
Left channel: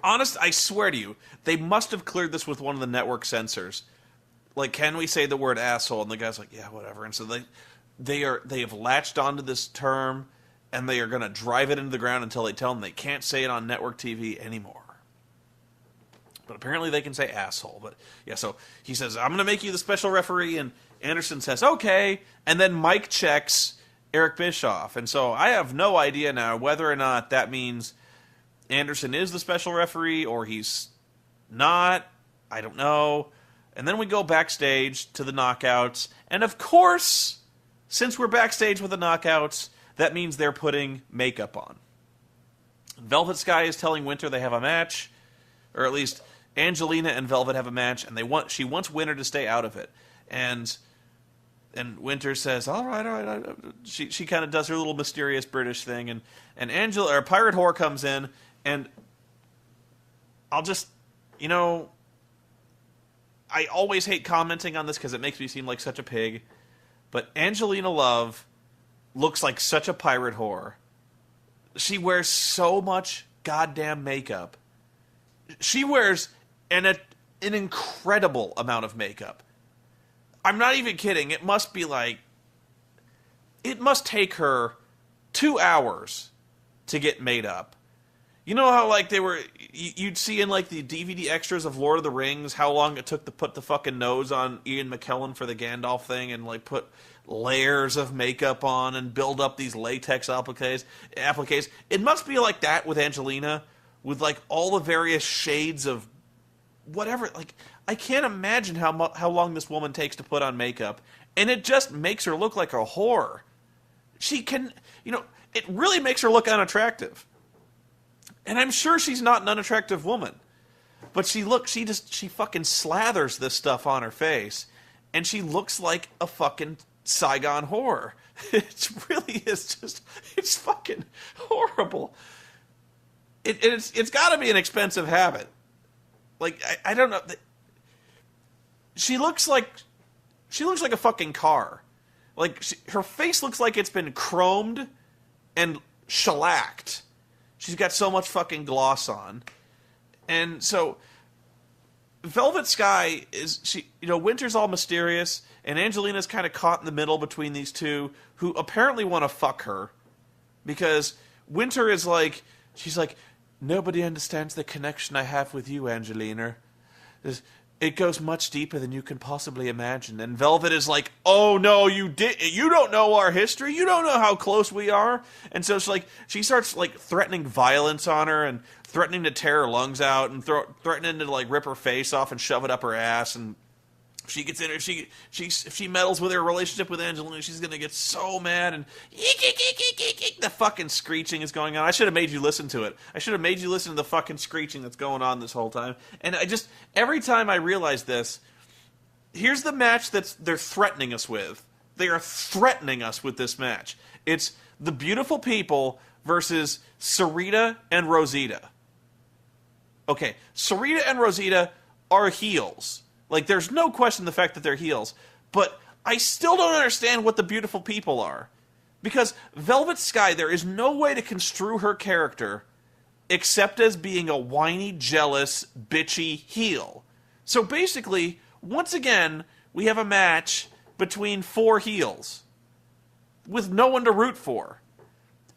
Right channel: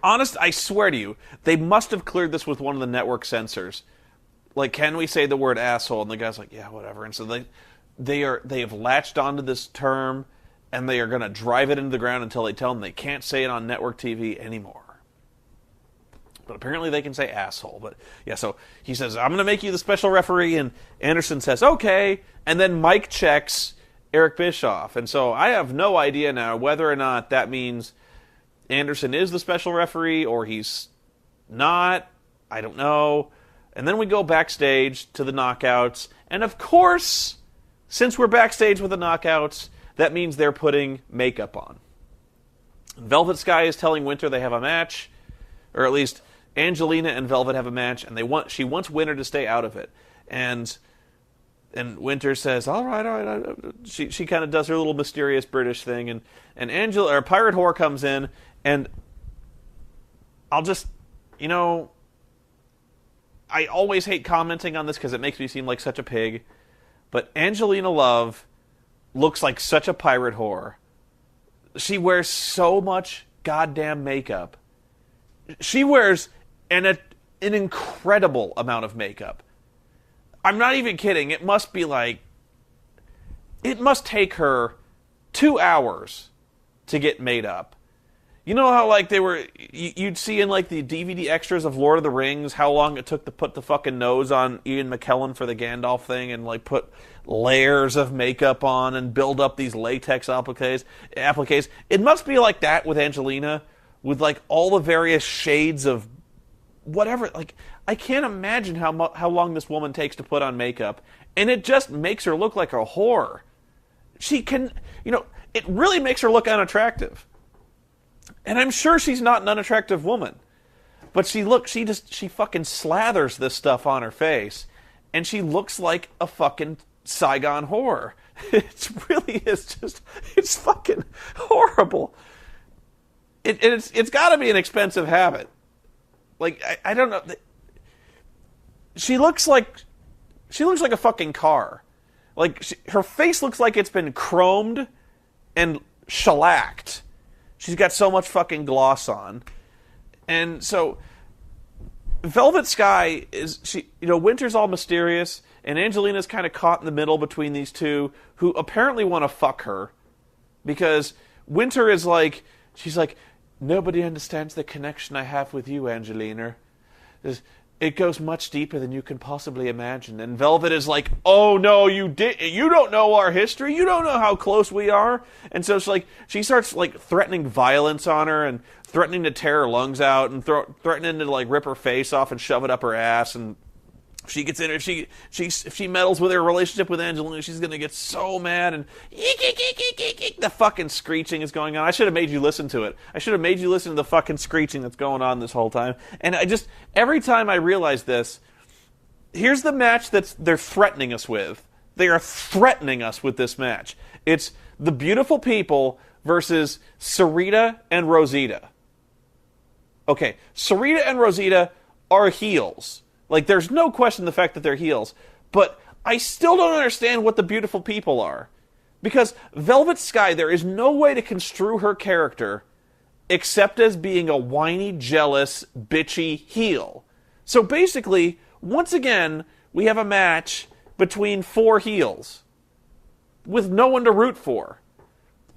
Honest, I swear to you, they must have cleared this with one of the network censors. Like, can we say the word asshole? And the guy's like, yeah, whatever. And so they have latched onto this term, and they are going to drive it into the ground until they tell them they can't say it on network TV anymore. But apparently they can say asshole. But yeah, so he says, I'm going to make you the special referee, and Anderson says, okay. And then Mike checks Eric Bischoff. And so I have no idea now whether or not that means Anderson is the special referee or he's not. I don't know. And then we go backstage to the knockouts. And of course, since we're backstage with the knockouts, that means they're putting makeup on. Velvet Sky is telling Winter they have a match, or at least Angelina and Velvet have a match, and she wants Winter to stay out of it. And Winter says, all right. She kind of does her little mysterious British thing, and Pirate Whore comes in, and I'll just, you know, I always hate commenting on this because it makes me seem like such a pig, but Angelina Love looks like such a pirate whore. she wears so much goddamn makeup. She wears an incredible amount of makeup. I'm not even kidding. It must take her 2 hours to get made up. You know how, like, you'd see in, like, the DVD extras of Lord of the Rings how long it took to put the fucking nose on Ian McKellen for the Gandalf thing and, like, put layers of makeup on and build up these latex appliques. It must be like that with Angelina, with, like, all the various shades of whatever. Like, I can't imagine how long this woman takes to put on makeup, and it just makes her look like a whore. She can, it really makes her look unattractive. And I'm sure she's not an unattractive woman. But she fucking slathers this stuff on her face, and she looks like a fucking Saigon whore. It really is it's fucking horrible. It's got to be an expensive habit. Like, I don't know. She looks like a fucking car. Like, her face looks like it's been chromed and shellacked. She's got so much fucking gloss on. And so, Velvet Sky Winter's all mysterious, and Angelina's kind of caught in the middle between these two, who apparently want to fuck her. Because Winter is like, she's like, nobody understands the connection I have with you, Angelina. It goes much deeper than you can possibly imagine. And Velvet is like, oh no, you don't know our history. You don't know how close we are. And so she starts like threatening violence on her and threatening to tear her lungs out and threatening to like rip her face off and shove it up her ass. And she gets in her, if she meddles with her relationship with Angelina, she's gonna get so mad, and the fucking screeching is going on. I should have made you listen to it. I should have made you listen to the fucking screeching that's going on this whole time. And every time I realize this, here's the match they're threatening us with. They are threatening us with this match. It's the Beautiful People versus Sarita and Rosita. Okay, Sarita and Rosita are heels. Like, there's no question the fact that they're heels. But I still don't understand what the Beautiful People are. Because Velvet Sky, there is no way to construe her character except as being a whiny, jealous, bitchy heel. So basically, once again, we have a match between 4 heels with no one to root for.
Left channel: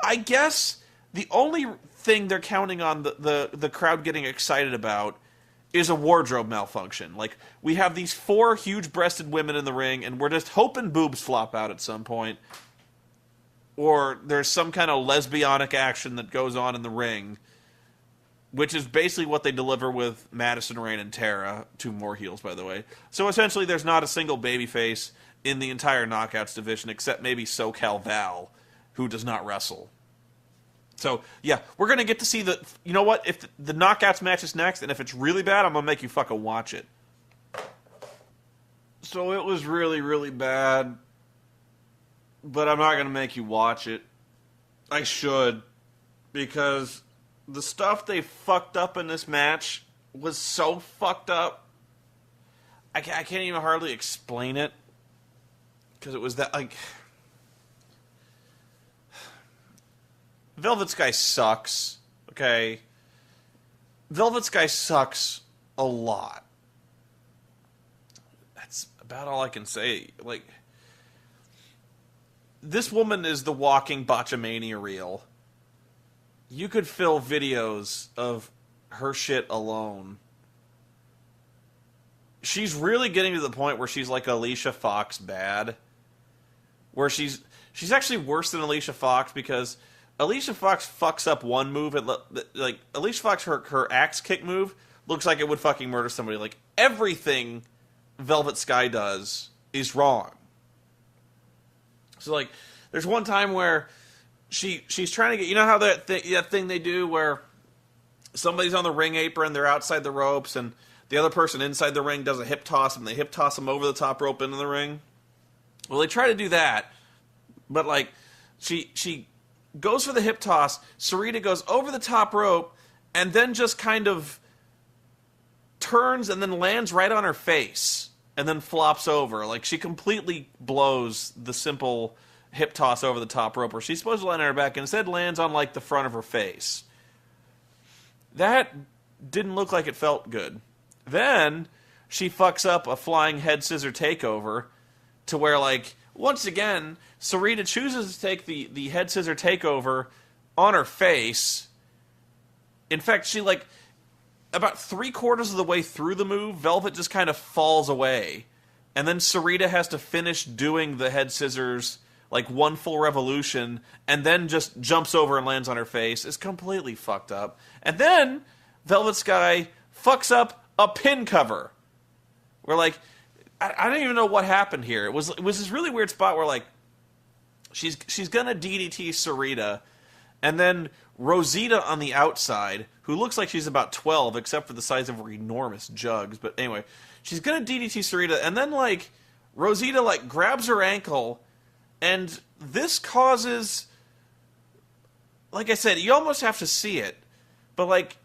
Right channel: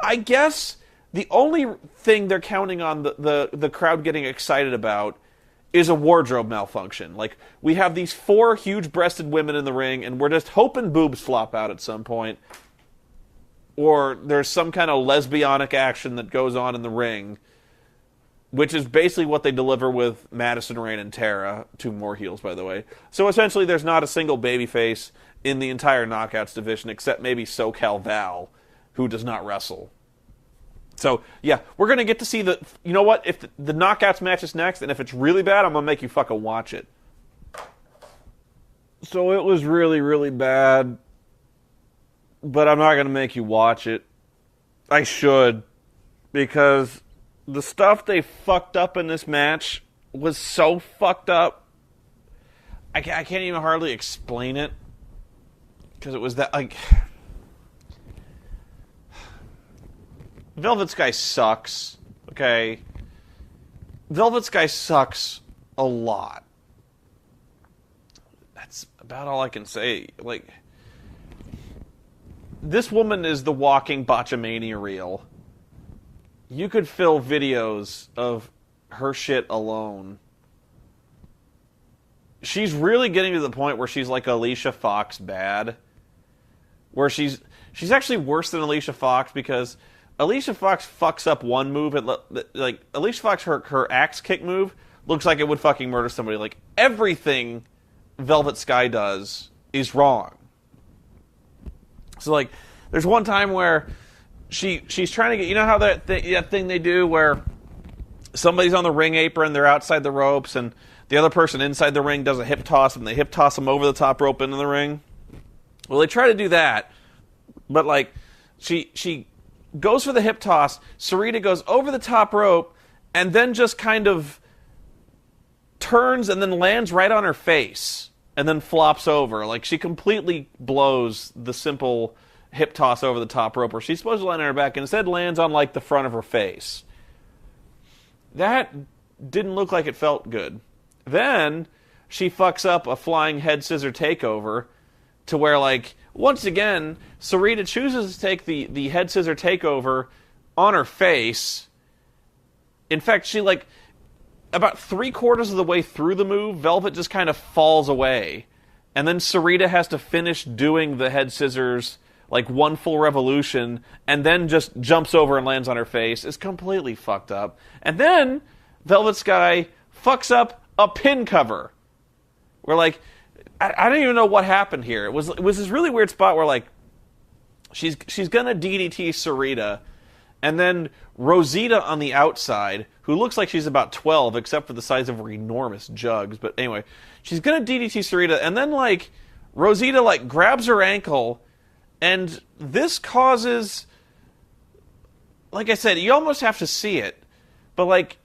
I guess the only thing they're counting on the crowd getting excited about is a wardrobe malfunction. Like, we have these 4 huge-breasted women in the ring, and we're just hoping boobs flop out at some point. Or there's some kind of lesbianic action that goes on in the ring, which is basically what they deliver with Madison Rayne and Tara, 2 more heels, by the way. So essentially, there's not a single babyface in the entire Knockouts division, except maybe SoCal Val, who does not wrestle. So, yeah, we're going to get to see you know what? If the Knockouts match is next, and if it's really bad, I'm going to make you fucking watch it. So it was really, really bad, but I'm not going to make you watch it. I should, because the stuff they fucked up in this match was so fucked up. I can't even hardly explain it, because it was that, like... Velvet Sky sucks, okay? Velvet Sky sucks a lot. That's about all I can say. Like, this woman is the walking botchamania reel. You could fill videos of her shit alone. She's really getting to the point where she's like Alicia Fox bad. Where she's actually worse than Alicia Fox, because Alicia Fox fucks up one move, and like Alicia Fox, her axe kick move looks like it would fucking murder somebody. Like, everything Velvet Sky does is wrong. So like, there's one time where she's trying to get, you know how that thing they do where somebody's on the ring apron, they're outside the ropes, and the other person inside the ring does a hip toss, and they hip toss them over the top rope into the ring. Well, they try to do that, but like she goes for the hip toss. Sarita goes over the top rope and then just kind of turns and then lands right on her face and then flops over. Like, she completely blows the simple hip toss over the top rope where she's supposed to land on her back and instead lands on, like, the front of her face. That didn't look like it felt good. Then she fucks up a flying head scissor takeover to where, like, once again, Sarita chooses to take the head scissor takeover on her face. In fact, she, like, about 3/4 of the way through the move, Velvet just kind of falls away. And then Sarita has to finish doing the head scissors, like, one full revolution, and then just jumps over and lands on her face. It's completely fucked up. And then Velvet Sky fucks up a pin cover. We're like, I don't even know what happened here. It was this really weird spot where, like, she's gonna DDT Sarita, and then Rosita on the outside, who looks like she's about 12, except for the size of her enormous jugs. But anyway, she's gonna DDT Sarita, and then, like, Rosita, like, grabs her ankle, and this causes, like I said, you almost have to see it, but, like,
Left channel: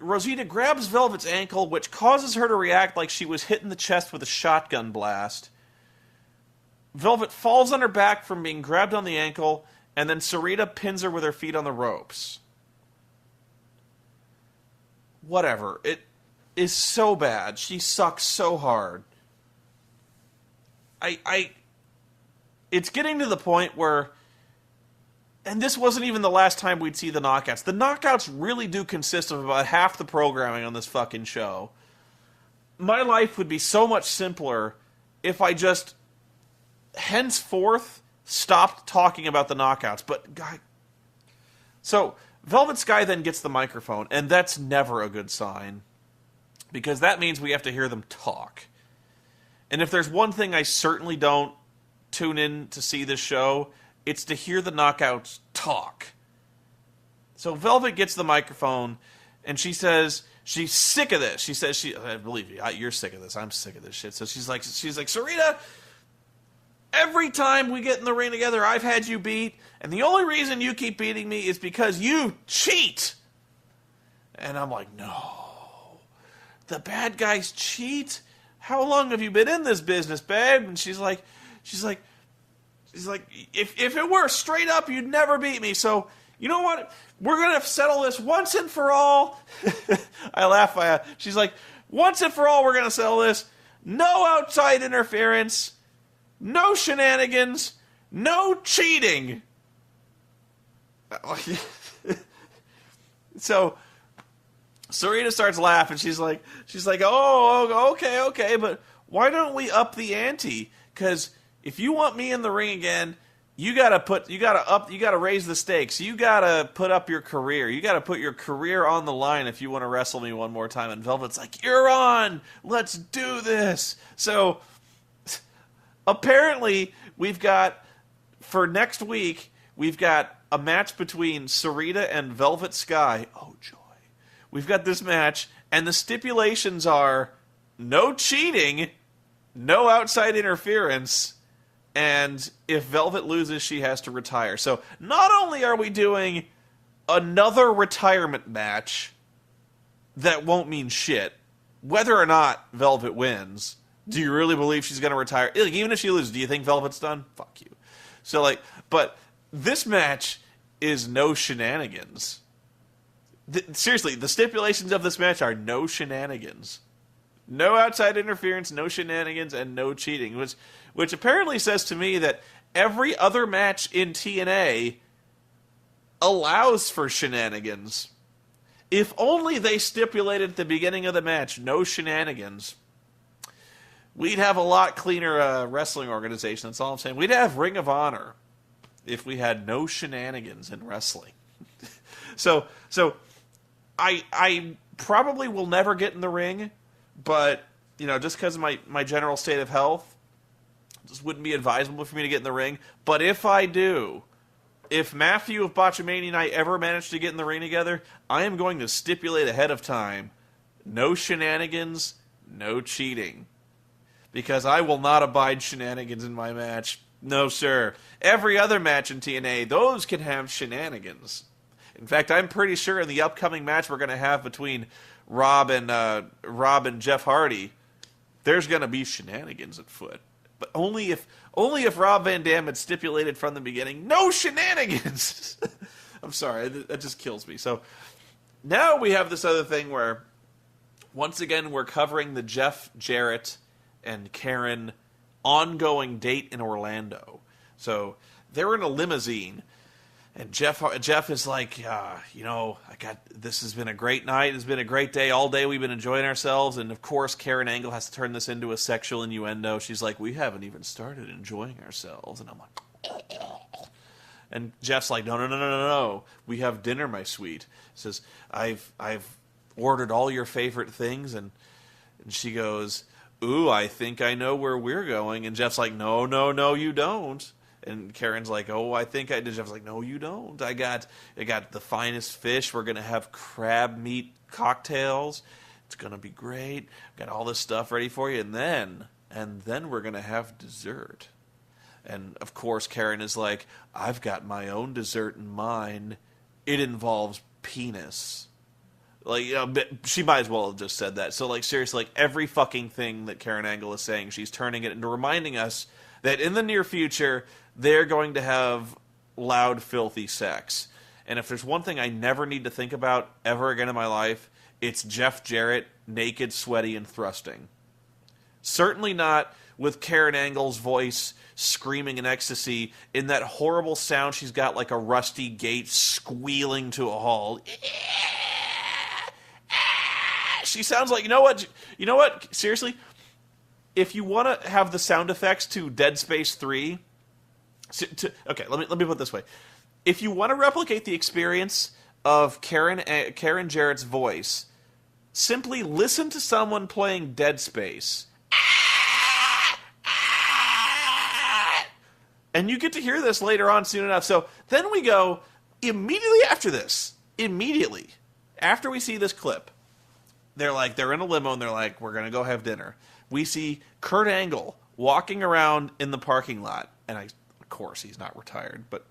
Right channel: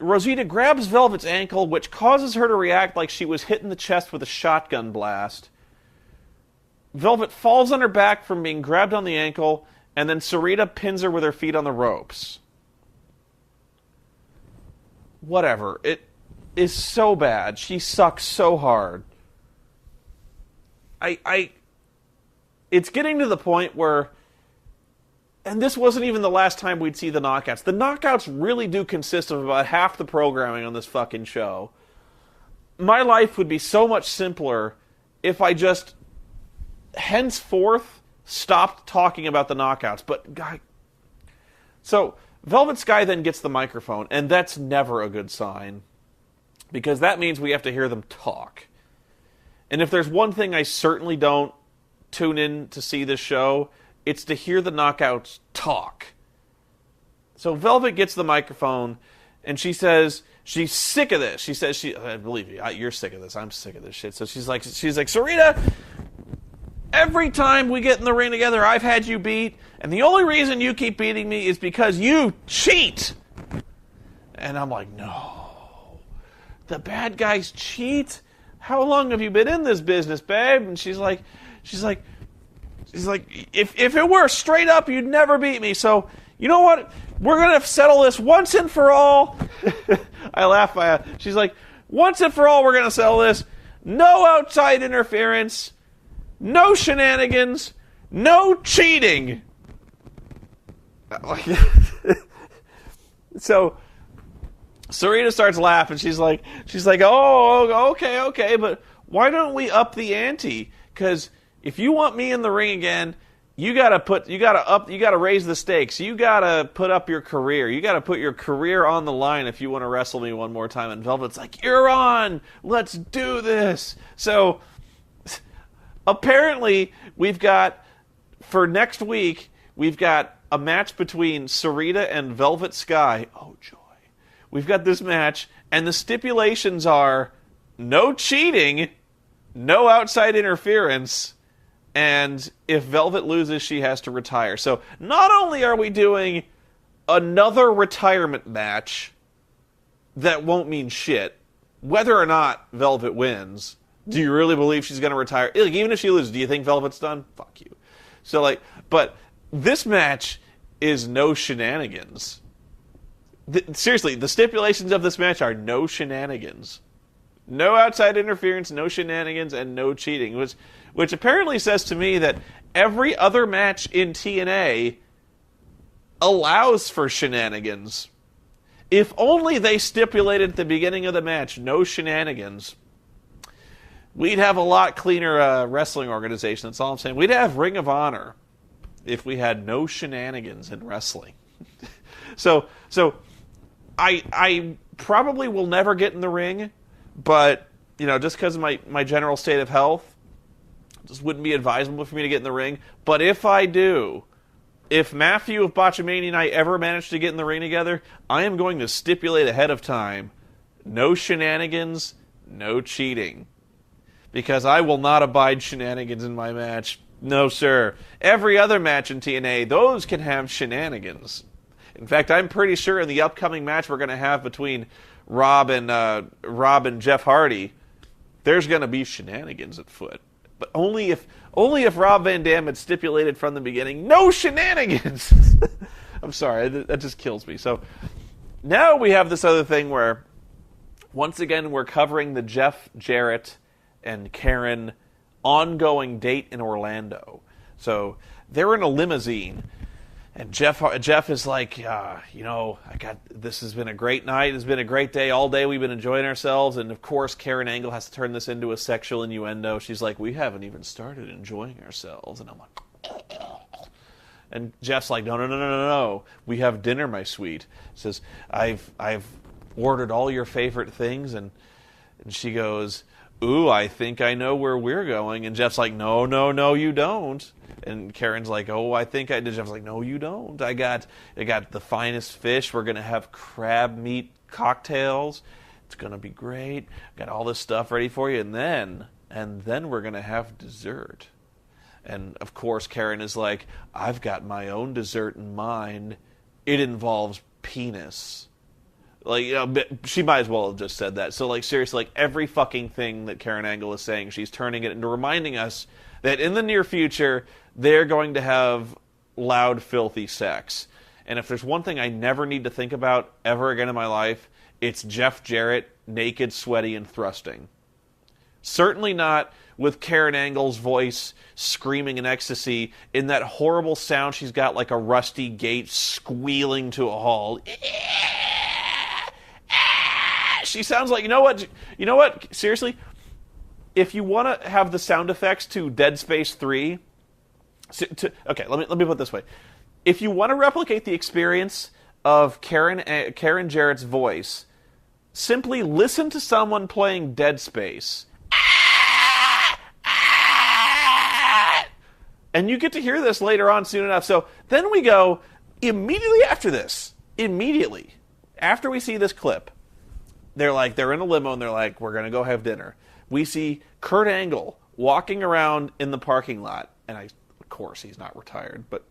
Rosita grabs Velvet's ankle, which causes her to react like she was hit in the chest with a shotgun blast. Velvet falls on her back from being grabbed on the ankle, and then Sarita pins her with her feet on the ropes. Whatever. It is so bad. She sucks so hard. It's getting to the point where, and this wasn't even the last time we'd see the knockouts. The knockouts really do consist of about half the programming on this fucking show. My life would be so much simpler if I just henceforth stopped talking about the knockouts. But, God. So, Velvet Sky then gets the microphone, and that's never a good sign. Because that means we have to hear them talk. And if there's one thing I certainly don't tune in to see this show, it's to hear the knockouts talk. So Velvet gets the microphone, and she says she's sick of this. She says, I believe you, you're sick of this. I'm sick of this shit. So she's like, Sarita, every time we get in the ring together, I've had you beat, and the only reason you keep beating me is because you cheat. And I'm like, no. The bad guys cheat? How long have you been in this business, babe? And she's like, if it were straight up, you'd never beat me. So, you know what? We're going to settle this once and for all. I laugh. She's like, once and for all, we're going to settle this. No outside interference. No shenanigans. No cheating. So, Sarita starts laughing. She's like, oh, okay, but why don't we up the ante? Because if you want me in the ring again, you gotta raise the stakes. You gotta put up your career. You gotta put your career on the line if you want to wrestle me one more time. And Velvet's like, you're on. Let's do this. So apparently for next week, we've got a match between Sarita and Velvet Sky. Oh, joy. We've got this match, and the stipulations are no cheating, no outside interference, and if Velvet loses, she has to retire. So not only are we doing another retirement match that won't mean shit, whether or not Velvet wins, do you really believe she's going to retire? Even if she loses, do you think Velvet's done? Fuck you. So, but this match is no shenanigans. Seriously, the stipulations of this match are no shenanigans. No outside interference, no shenanigans, and no cheating. Which apparently says to me that every other match in TNA allows for shenanigans. If only they stipulated at the beginning of the match, no shenanigans, we'd have a lot cleaner wrestling organization. That's all I'm saying. We'd have Ring of Honor if we had no shenanigans in wrestling. So I probably will never get in the ring, but, just because of my general state of health, it just wouldn't be advisable for me to get in the ring. But if I do, if Matthew of Botchamania and I ever manage to get in the ring together, I am going to stipulate ahead of time, no shenanigans, no cheating. Because I will not abide shenanigans in my match. No, sir. Every other match in TNA, those can have shenanigans. In fact, I'm pretty sure in the upcoming match we're going to have between Rob and Jeff Hardy, there's going to be shenanigans afoot. But only if Rob Van Dam had stipulated from the beginning, no shenanigans. I'm sorry, that just kills me. So now we have this other thing where, once again, we're covering the Jeff Jarrett and Karen ongoing date in Orlando. So they're in a limousine, and Jeff is like, this has been a great night. It's been a great day. All day we've been enjoying ourselves. And, of course, Karen Angle has to turn this into a sexual innuendo. She's like, we haven't even started enjoying ourselves. And I'm like, and Jeff's like, no. We have dinner, my sweet. Says, I've ordered all your favorite things. And she goes, ooh, I think I know where we're going. And Jeff's like, no, you don't. And Karen's like, oh, I think I did. Jeff's like, no, you don't. I got the finest fish. We're going to have crab meat cocktails. It's going to be great. Got all this stuff ready for you. And then we're going to have dessert. And, of course, Karen is like, I've got my own dessert in mind. It involves penis. Like, she might as well have just said that. So, like, seriously, like, every fucking thing that Karen Angle is saying, she's turning it into reminding us that in the near future, they're going to have loud, filthy sex. And if there's one thing I never need to think about ever again in my life, it's Jeff Jarrett, naked, sweaty, and thrusting. Certainly not with Karen Angle's voice screaming in ecstasy in that horrible sound she's got like a rusty gate squealing to a halt. She sounds like, you know what? Seriously, if you want to have the sound effects to Dead Space 3, okay, let me put it this way. If you want to replicate the experience of Karen Jarrett's voice, simply listen to someone playing Dead Space. And you get to hear this later on soon enough. So then we go, immediately after we see this clip, they're in a limo and they're like, we're going to go have dinner. We see Kurt Angle walking around in the parking lot. And of course, he's not retired. But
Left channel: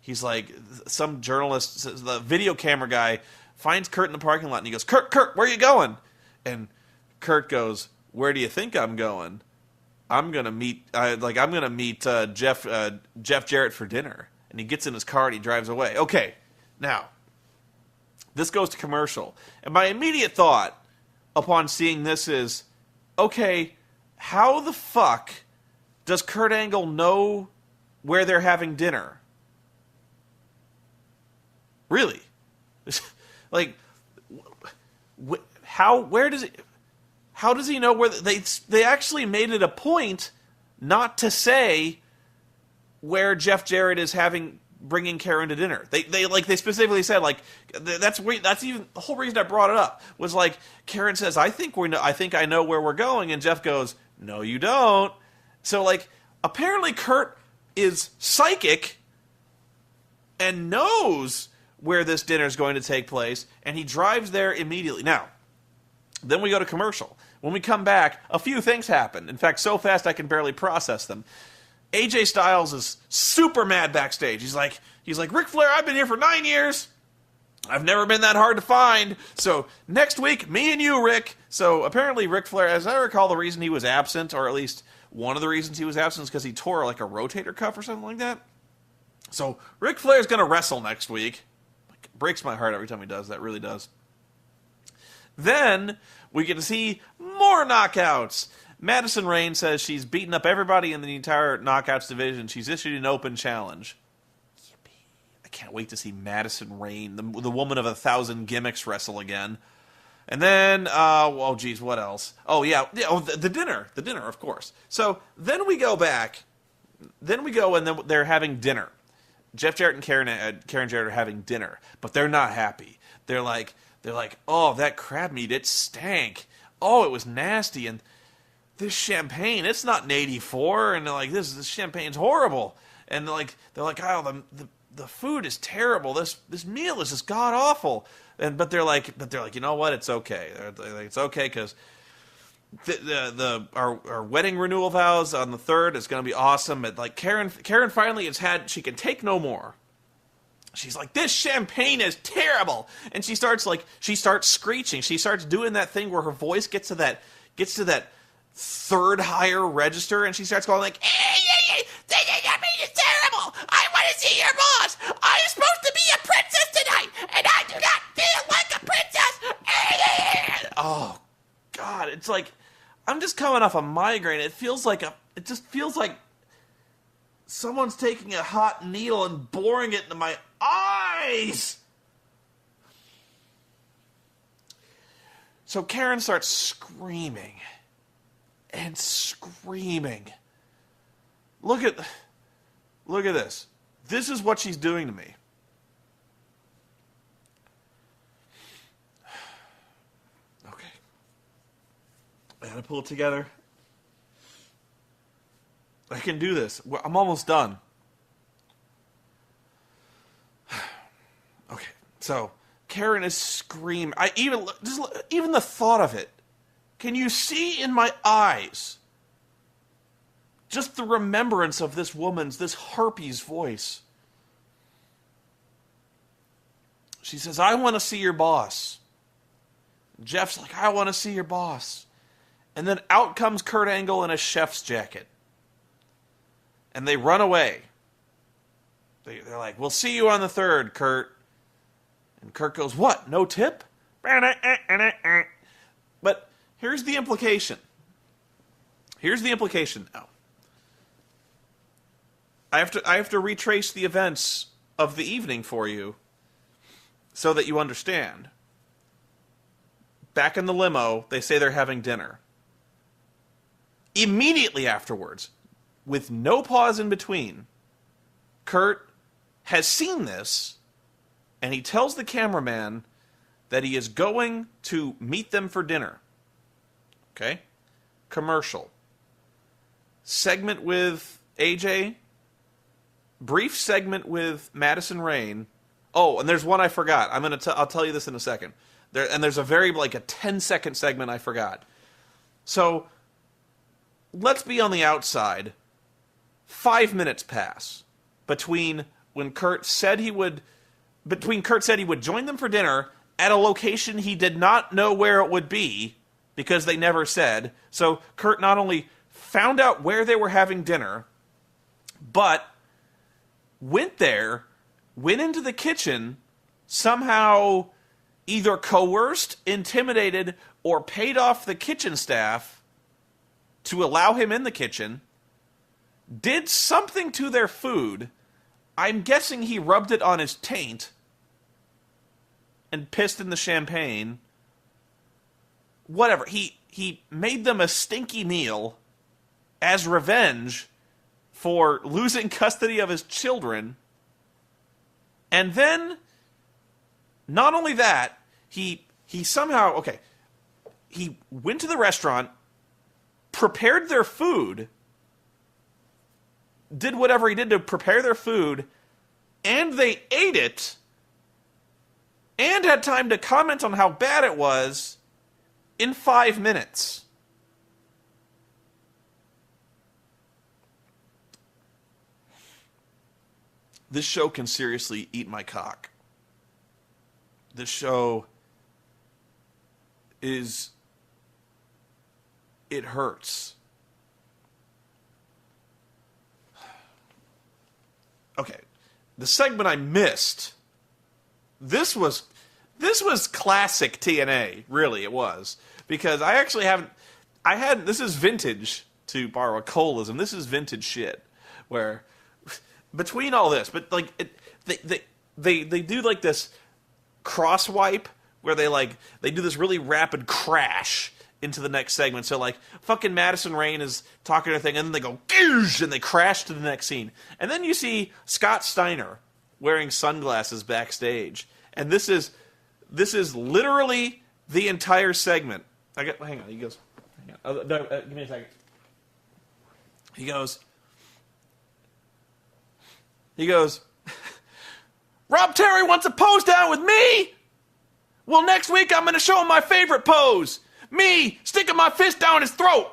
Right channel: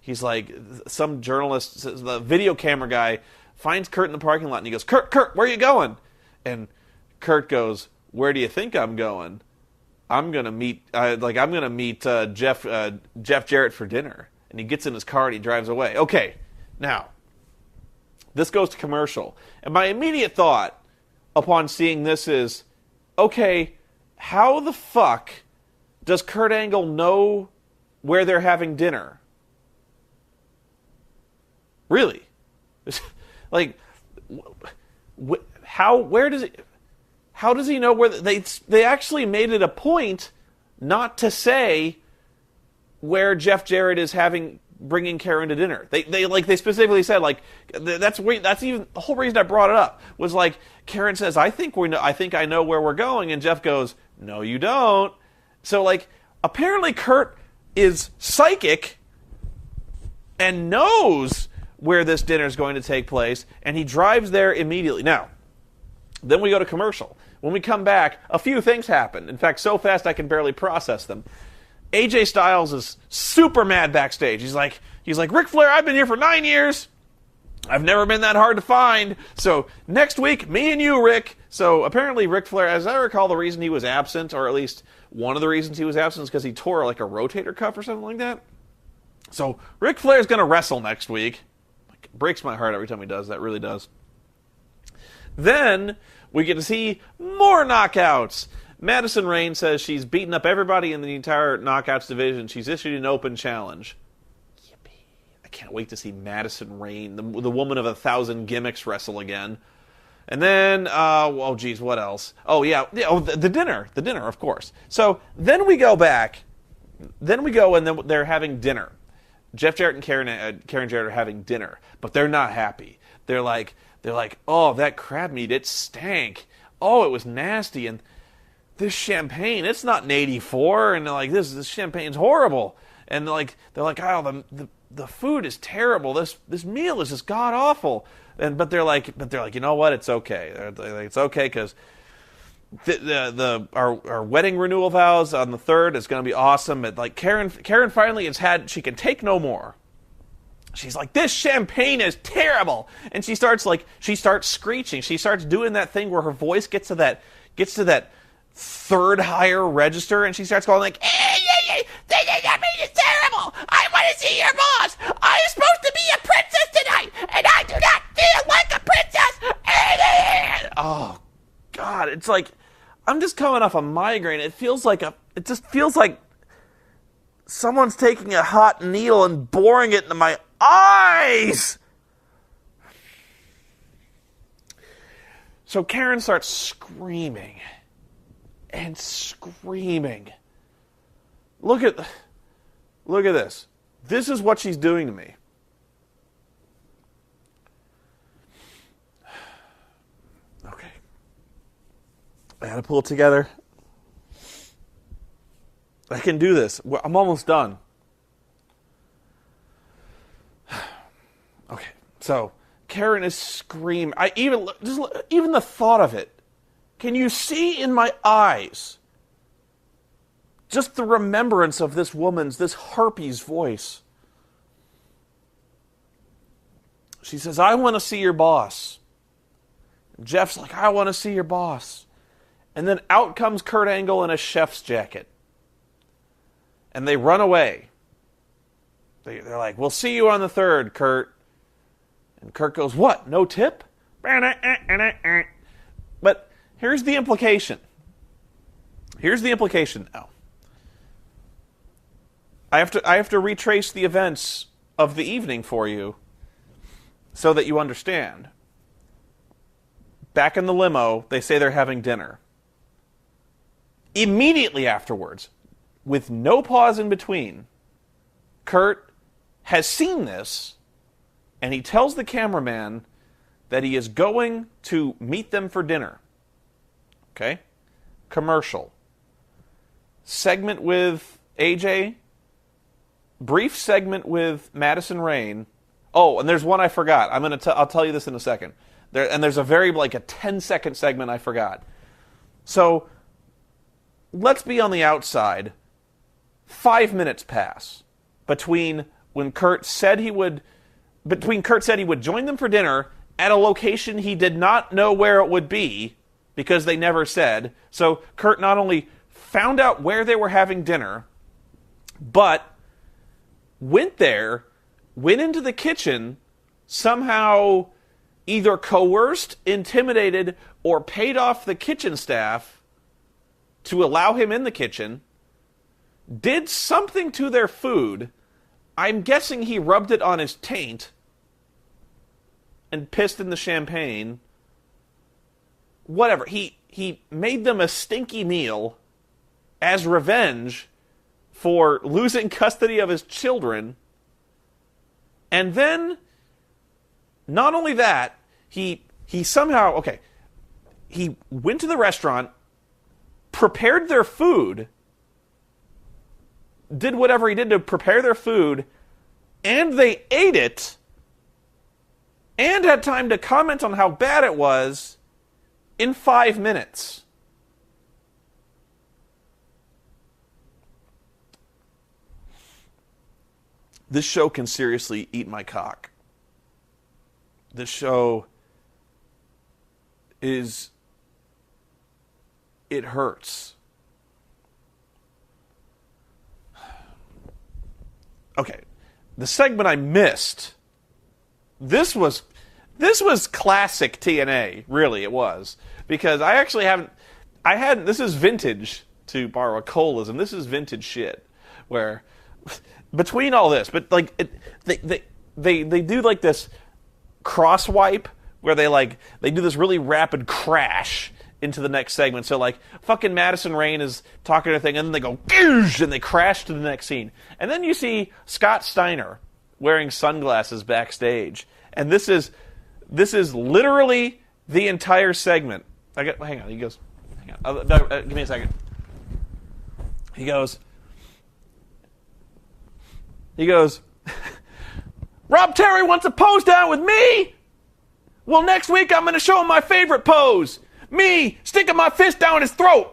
he's like, some journalist, the video camera guy, finds Kurt in the parking lot and he goes, Kurt, where are you going? And Kurt goes, where do you think I'm going? I'm gonna meet Jeff Jarrett for dinner. And he gets in his car and he drives away. Okay, now this goes to commercial, and my immediate thought upon seeing this is, okay, how the fuck does Kurt Angle know where they're having dinner? Really? Like, how does he know where they actually made it a point not to say where Jeff Jarrett is bringing Karen to dinner. They specifically said, like, that's even the whole reason I brought it up was like Karen says, I think I know where we're going, and Jeff goes, no, you don't. So like apparently Kurt is psychic and knows where this dinner is going to take place, and he drives there immediately. Now, then we go to commercial. When we come back, a few things happen. In fact, so fast I can barely process them. AJ Styles is super mad backstage. He's like, Ric Flair, I've been here for 9 years. I've never been that hard to find. So next week, me and you, Rick. So apparently Ric Flair, as I recall, the reason he was absent, or at least one of the reasons he was absent, is because he tore like a rotator cuff or something like that. So Ric Flair's going to wrestle next week. It breaks my heart every time he does. That really does. Then we get to see more knockouts. Madison Rayne says she's beaten up everybody in the entire knockouts division. She's issued an open challenge. Yippee. I can't wait to see Madison Rayne, the woman of 1,000 gimmicks, wrestle again. And then, what else? Oh, yeah, the dinner. The dinner, of course. So then we go back. Then we go and then they're having dinner. Jeff Jarrett and Karen Jarrett are having dinner, but they're not happy. They're like, oh, that crab meat, it stank. Oh, it was nasty. And this champagne, it's not an 84. And they're like, this champagne's horrible. And they're like, oh, the food is terrible. This meal is just god awful. But they're like, you know what? It's okay. It's okay because our wedding renewal vows on the 3rd is going to be awesome. But like Karen finally she can take no more. She's like, this champagne is terrible, and she starts screeching. She starts doing that thing where her voice gets to that third higher register, and she starts going like, I mean, it's terrible. I want to see your boss. I'm supposed to be a princess tonight, and I do not feel like a princess. Oh, God. It's like, I'm just coming off a migraine. It just feels like someone's taking a hot needle and boring it into my eyes. So Karen starts screaming and screaming. Look at this. This is what she's doing to me. Okay. I gotta pull it together. I can do this. I'm almost done. Okay, so Karen is screaming. Even the thought of it. Can you see in my eyes just the remembrance of this harpy's voice? She says, I want to see your boss. Jeff's like, I want to see your boss. And then out comes Kurt Angle in a chef's jacket. And they run away. They're like, we'll see you on the 3rd, Kurt. And Kurt goes, what? No tip? But here's the implication. Here's the implication now. I have to retrace the events of the evening for you so that you understand. Back in the limo, they say they're having dinner. Immediately afterwards, with no pause in between, Kurt has seen this, and he tells the cameraman that he is going to meet them for dinner. Okay? Commercial. Segment with AJ. Brief segment with Madison Rayne. Oh, and there's one I forgot. I'll tell you this in a second. There's a very, a 10-second segment I forgot. So, let's be on the outside. 5 minutes pass between Kurt said he would join them for dinner at a location he did not know where it would be because they never said. So Kurt not only found out where they were having dinner, but went into the kitchen, somehow either coerced, intimidated, or paid off the kitchen staff to allow him in the kitchen, did something to their food. I'm guessing he rubbed it on his taint and pissed in the champagne. Whatever. He made them a stinky meal as revenge for losing custody of his children. And then, not only that, he somehow, he went to the restaurant, prepared their food, did whatever he did to prepare their food, and they ate it, and had time to comment on how bad it was in 5 minutes. This show can seriously eat my cock. This show it hurts. Okay, the segment I missed. This was classic TNA. Really, it was, because I actually haven't. This is vintage, to borrow a Colism. This is vintage shit. Where between all this, but they do this cross wipe where they do this really rapid crash into the next segment. So fucking Madison Rayne is talking to a thing, and then they go goosh, and they crash to the next scene. And then you see Scott Steiner wearing sunglasses backstage. And this is literally the entire segment. Hang on, he goes, give me a second. He goes, Rob Terry wants a pose down with me? Well, next week I'm going to show him my favorite pose. Me sticking my fist down his throat.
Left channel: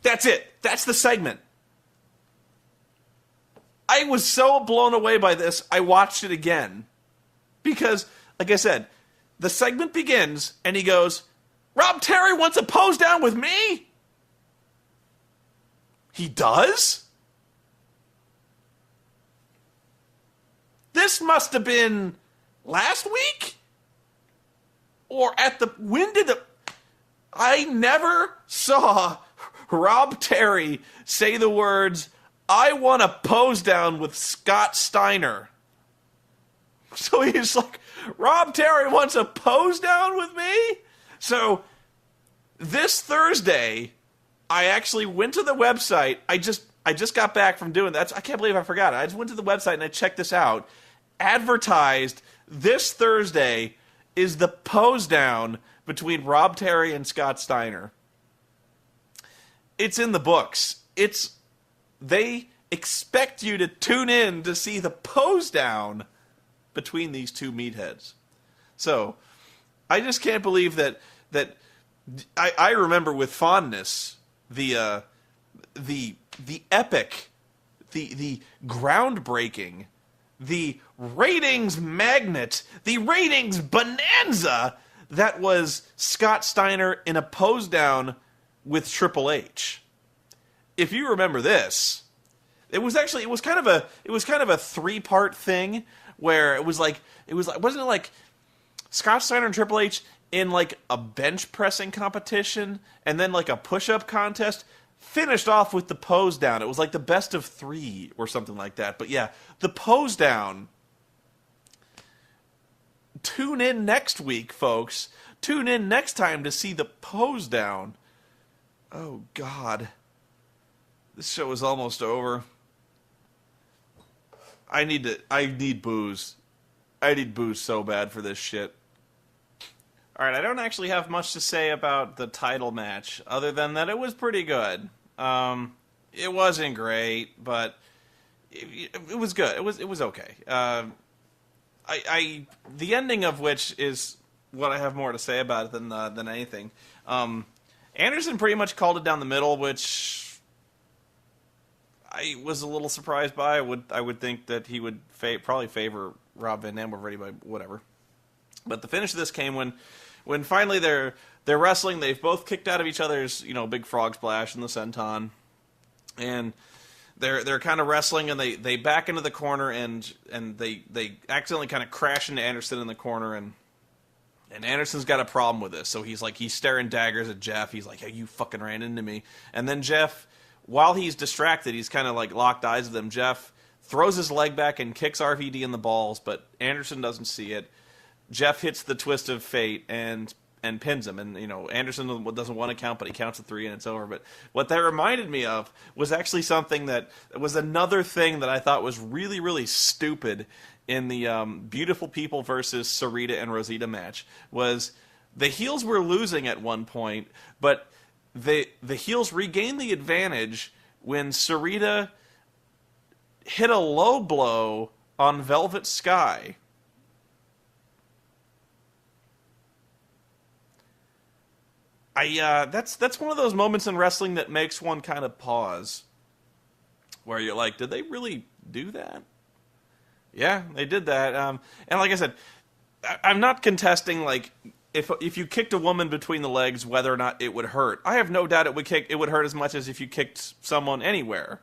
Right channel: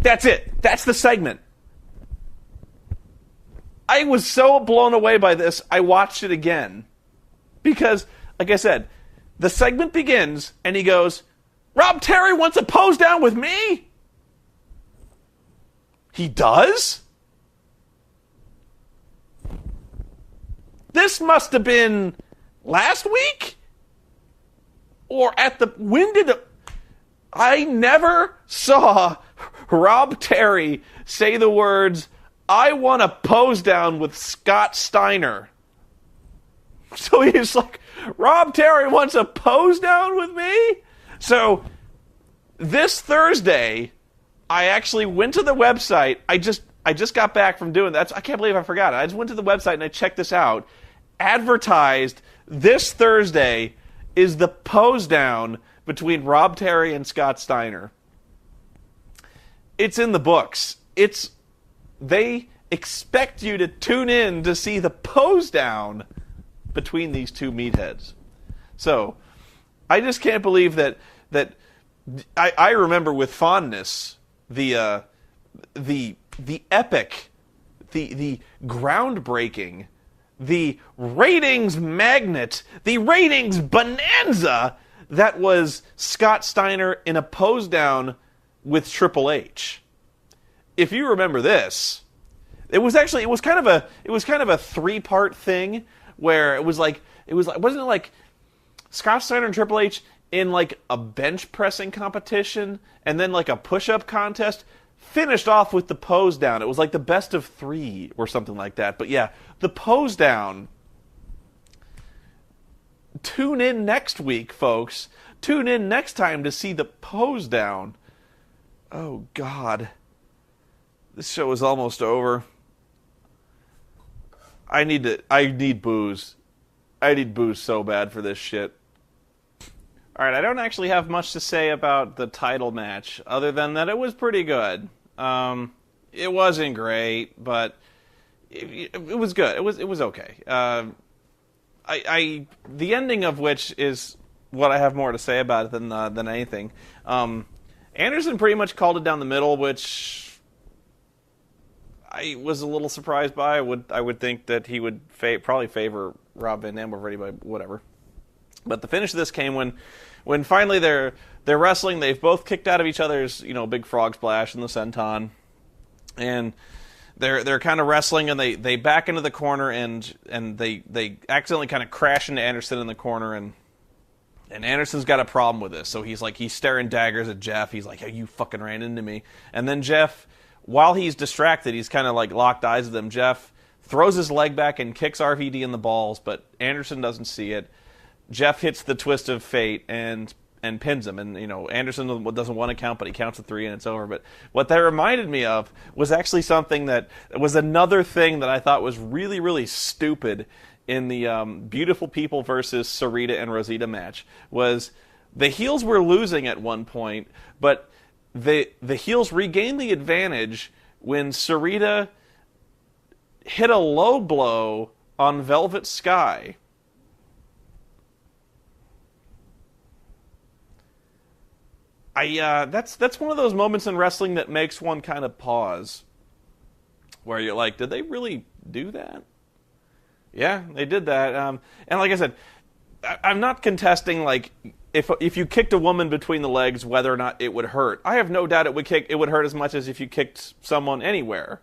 That's it. That's the segment. I was so blown away by this, I watched it again. Because, like I said, the segment begins, and he goes, Rob Terry wants a pose down with me? He does? This must have been last week? Or I never saw Rob Terry say the words, "I want a pose down with Scott Steiner." So he's like, Rob Terry wants a pose down with me? So this Thursday, I actually went to the website. I just got back from doing that. I can't believe I forgot it. I just went to the website and I checked this out. Advertised this Thursday is the pose down between Rob Terry and Scott Steiner. It's in the books. They expect you to tune in to see the pose down between these two meatheads. So, I just can't believe that I remember with fondness the epic, the groundbreaking, the ratings magnet, the ratings bonanza that was Scott Steiner in a pose down with Triple H. If you remember this, it was kind of a 3-part thing where wasn't it like Scott Steiner and Triple H in like a bench pressing competition and then like a push-up contest, finished off with the pose down. It was like the best of 3 or something like that. But yeah, the pose down. Tune in next week, folks. Tune in next time to see the pose down. Oh, God. This show is almost over. I need booze. I need booze so bad for this shit. Alright, I don't actually have much to say about the title match, other than that it was pretty good. It wasn't great, but it was good. It was okay. The ending of which is what I have more to say about it than anything. Anderson pretty much called it down the middle, which I was a little surprised by. I would think that he would probably favor Rob Van Dam over anybody, whatever. But the finish of this came when finally they're wrestling. They've both kicked out of each other's big frog splash in the senton, and they're kind of wrestling, and they back into the corner and they accidentally kind of crash into Anderson in the corner, and Anderson's got a problem with this. So he's staring daggers at Jeff. He's like, "Hey, you fucking ran into me." And then Jeff, while he's distracted, he's kind of like locked eyes with him. Jeff throws his leg back and kicks RVD in the balls, but Anderson doesn't see it. Jeff hits the twist of fate and pins him. And, Anderson doesn't want to count, but he counts to 3 and it's over. But what that reminded me of was actually something that was another thing that I thought was really, really stupid in the Beautiful People versus Sarita and Rosita match. Was the heels were losing at one point, but the heels regained the advantage when Sarita hit a low blow on Velvet Sky. That's one of those moments in wrestling that makes one kind of pause, where you're like, did they really do that? Yeah, they did that. And like I said, I'm not contesting like if you kicked a woman between the legs, whether or not it would hurt. I have no doubt it would hurt as much as if you kicked someone anywhere.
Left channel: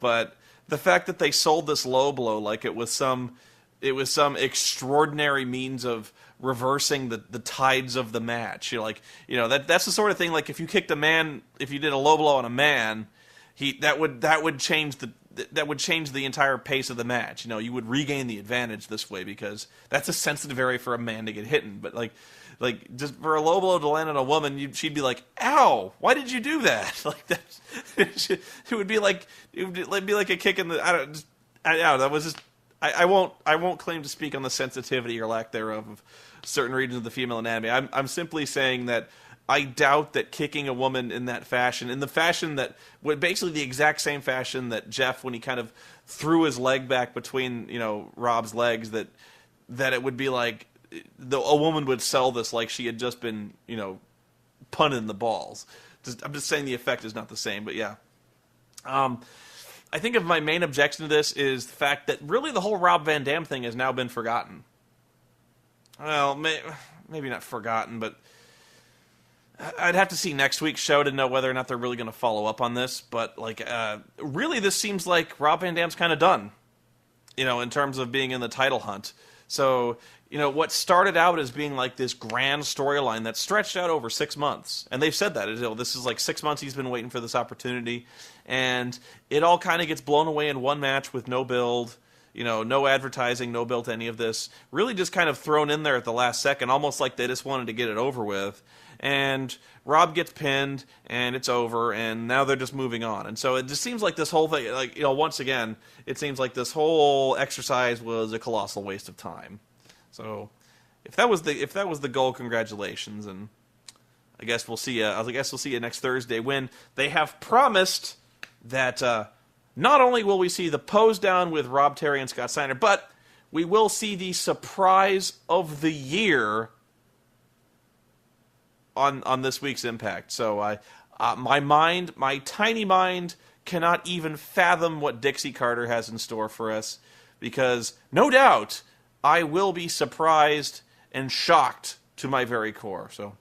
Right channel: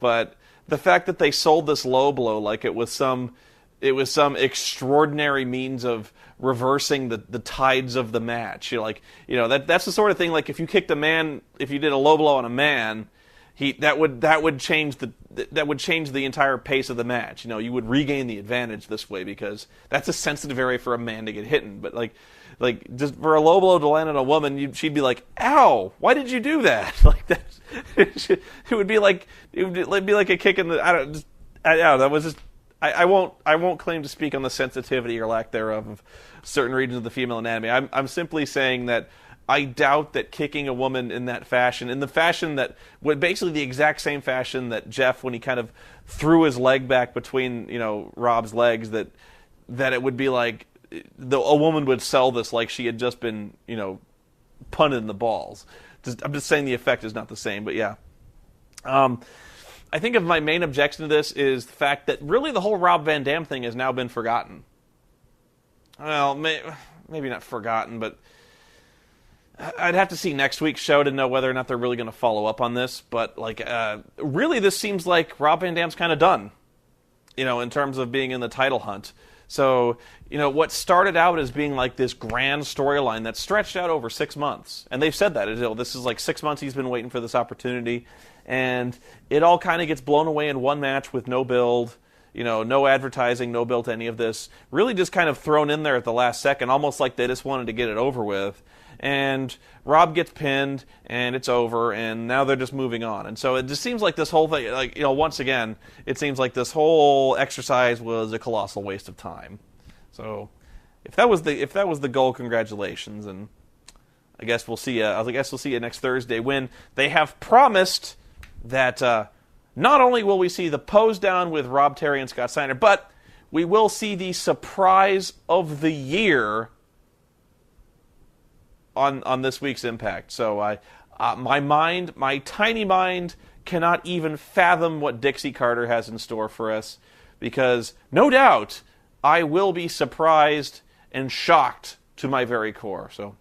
But the fact that they sold this low blow like it was some extraordinary means of reversing the tides of the match. That's the sort of thing, like if you kicked a man, if you did a low blow on a man, that would change the entire pace of the match. You would regain the advantage this way because that's a sensitive area for a man to get hit in. But like just for a low blow to land on a woman, she'd be like, "Ow! Why did you do that?" Like that. It would be like a kick in the. I don't know. That was just. I won't claim to speak on the sensitivity or lack thereof of certain regions of the female anatomy. I'm simply saying that I doubt that kicking a woman in that fashion, in the fashion that, basically the exact same fashion that Jeff, when he kind of threw his leg back between, Rob's legs, that it would be like a woman would sell this like she had just been, punted in the balls. I'm just saying the effect is not the same, but yeah. I think of my main objection to this is the fact that really the whole Rob Van Dam thing has now been forgotten. Well, maybe not forgotten, but I'd have to see next week's show to know whether or not they're really going to follow up on this. But, really, this seems like Rob Van Dam's kind of done, in terms of being in the title hunt. So, what started out as being like this grand storyline that stretched out over 6 months. And they've said that. This is like 6 months he's been waiting for this opportunity. And it all kind of gets blown away in one match with no build. No advertising, no build to any of this. Really just kind of thrown in there at the last second, almost like they just wanted to get it over with. And Rob gets pinned, and it's over, and now they're just moving on. And so it just seems like this whole thing, once again, it seems like this whole exercise was a colossal waste of time. So if that was the goal, congratulations, and I guess we'll see you next Thursday when they have promised that not only will we see the pose down with Rob Terry and Scott Steiner, but we will see the surprise of the year on this week's Impact. So my tiny mind cannot even fathom what Dixie Carter has in store for us, because no doubt I will be surprised and shocked to my very core. So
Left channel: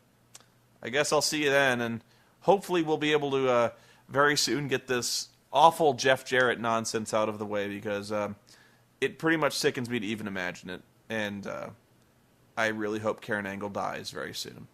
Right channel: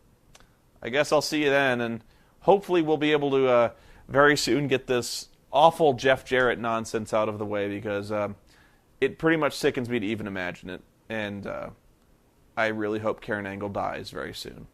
I guess I'll see you then, and hopefully we'll be able to very soon get this awful Jeff Jarrett nonsense out of the way, because it pretty much sickens me to even imagine it, and I really hope Karen Angle dies very soon.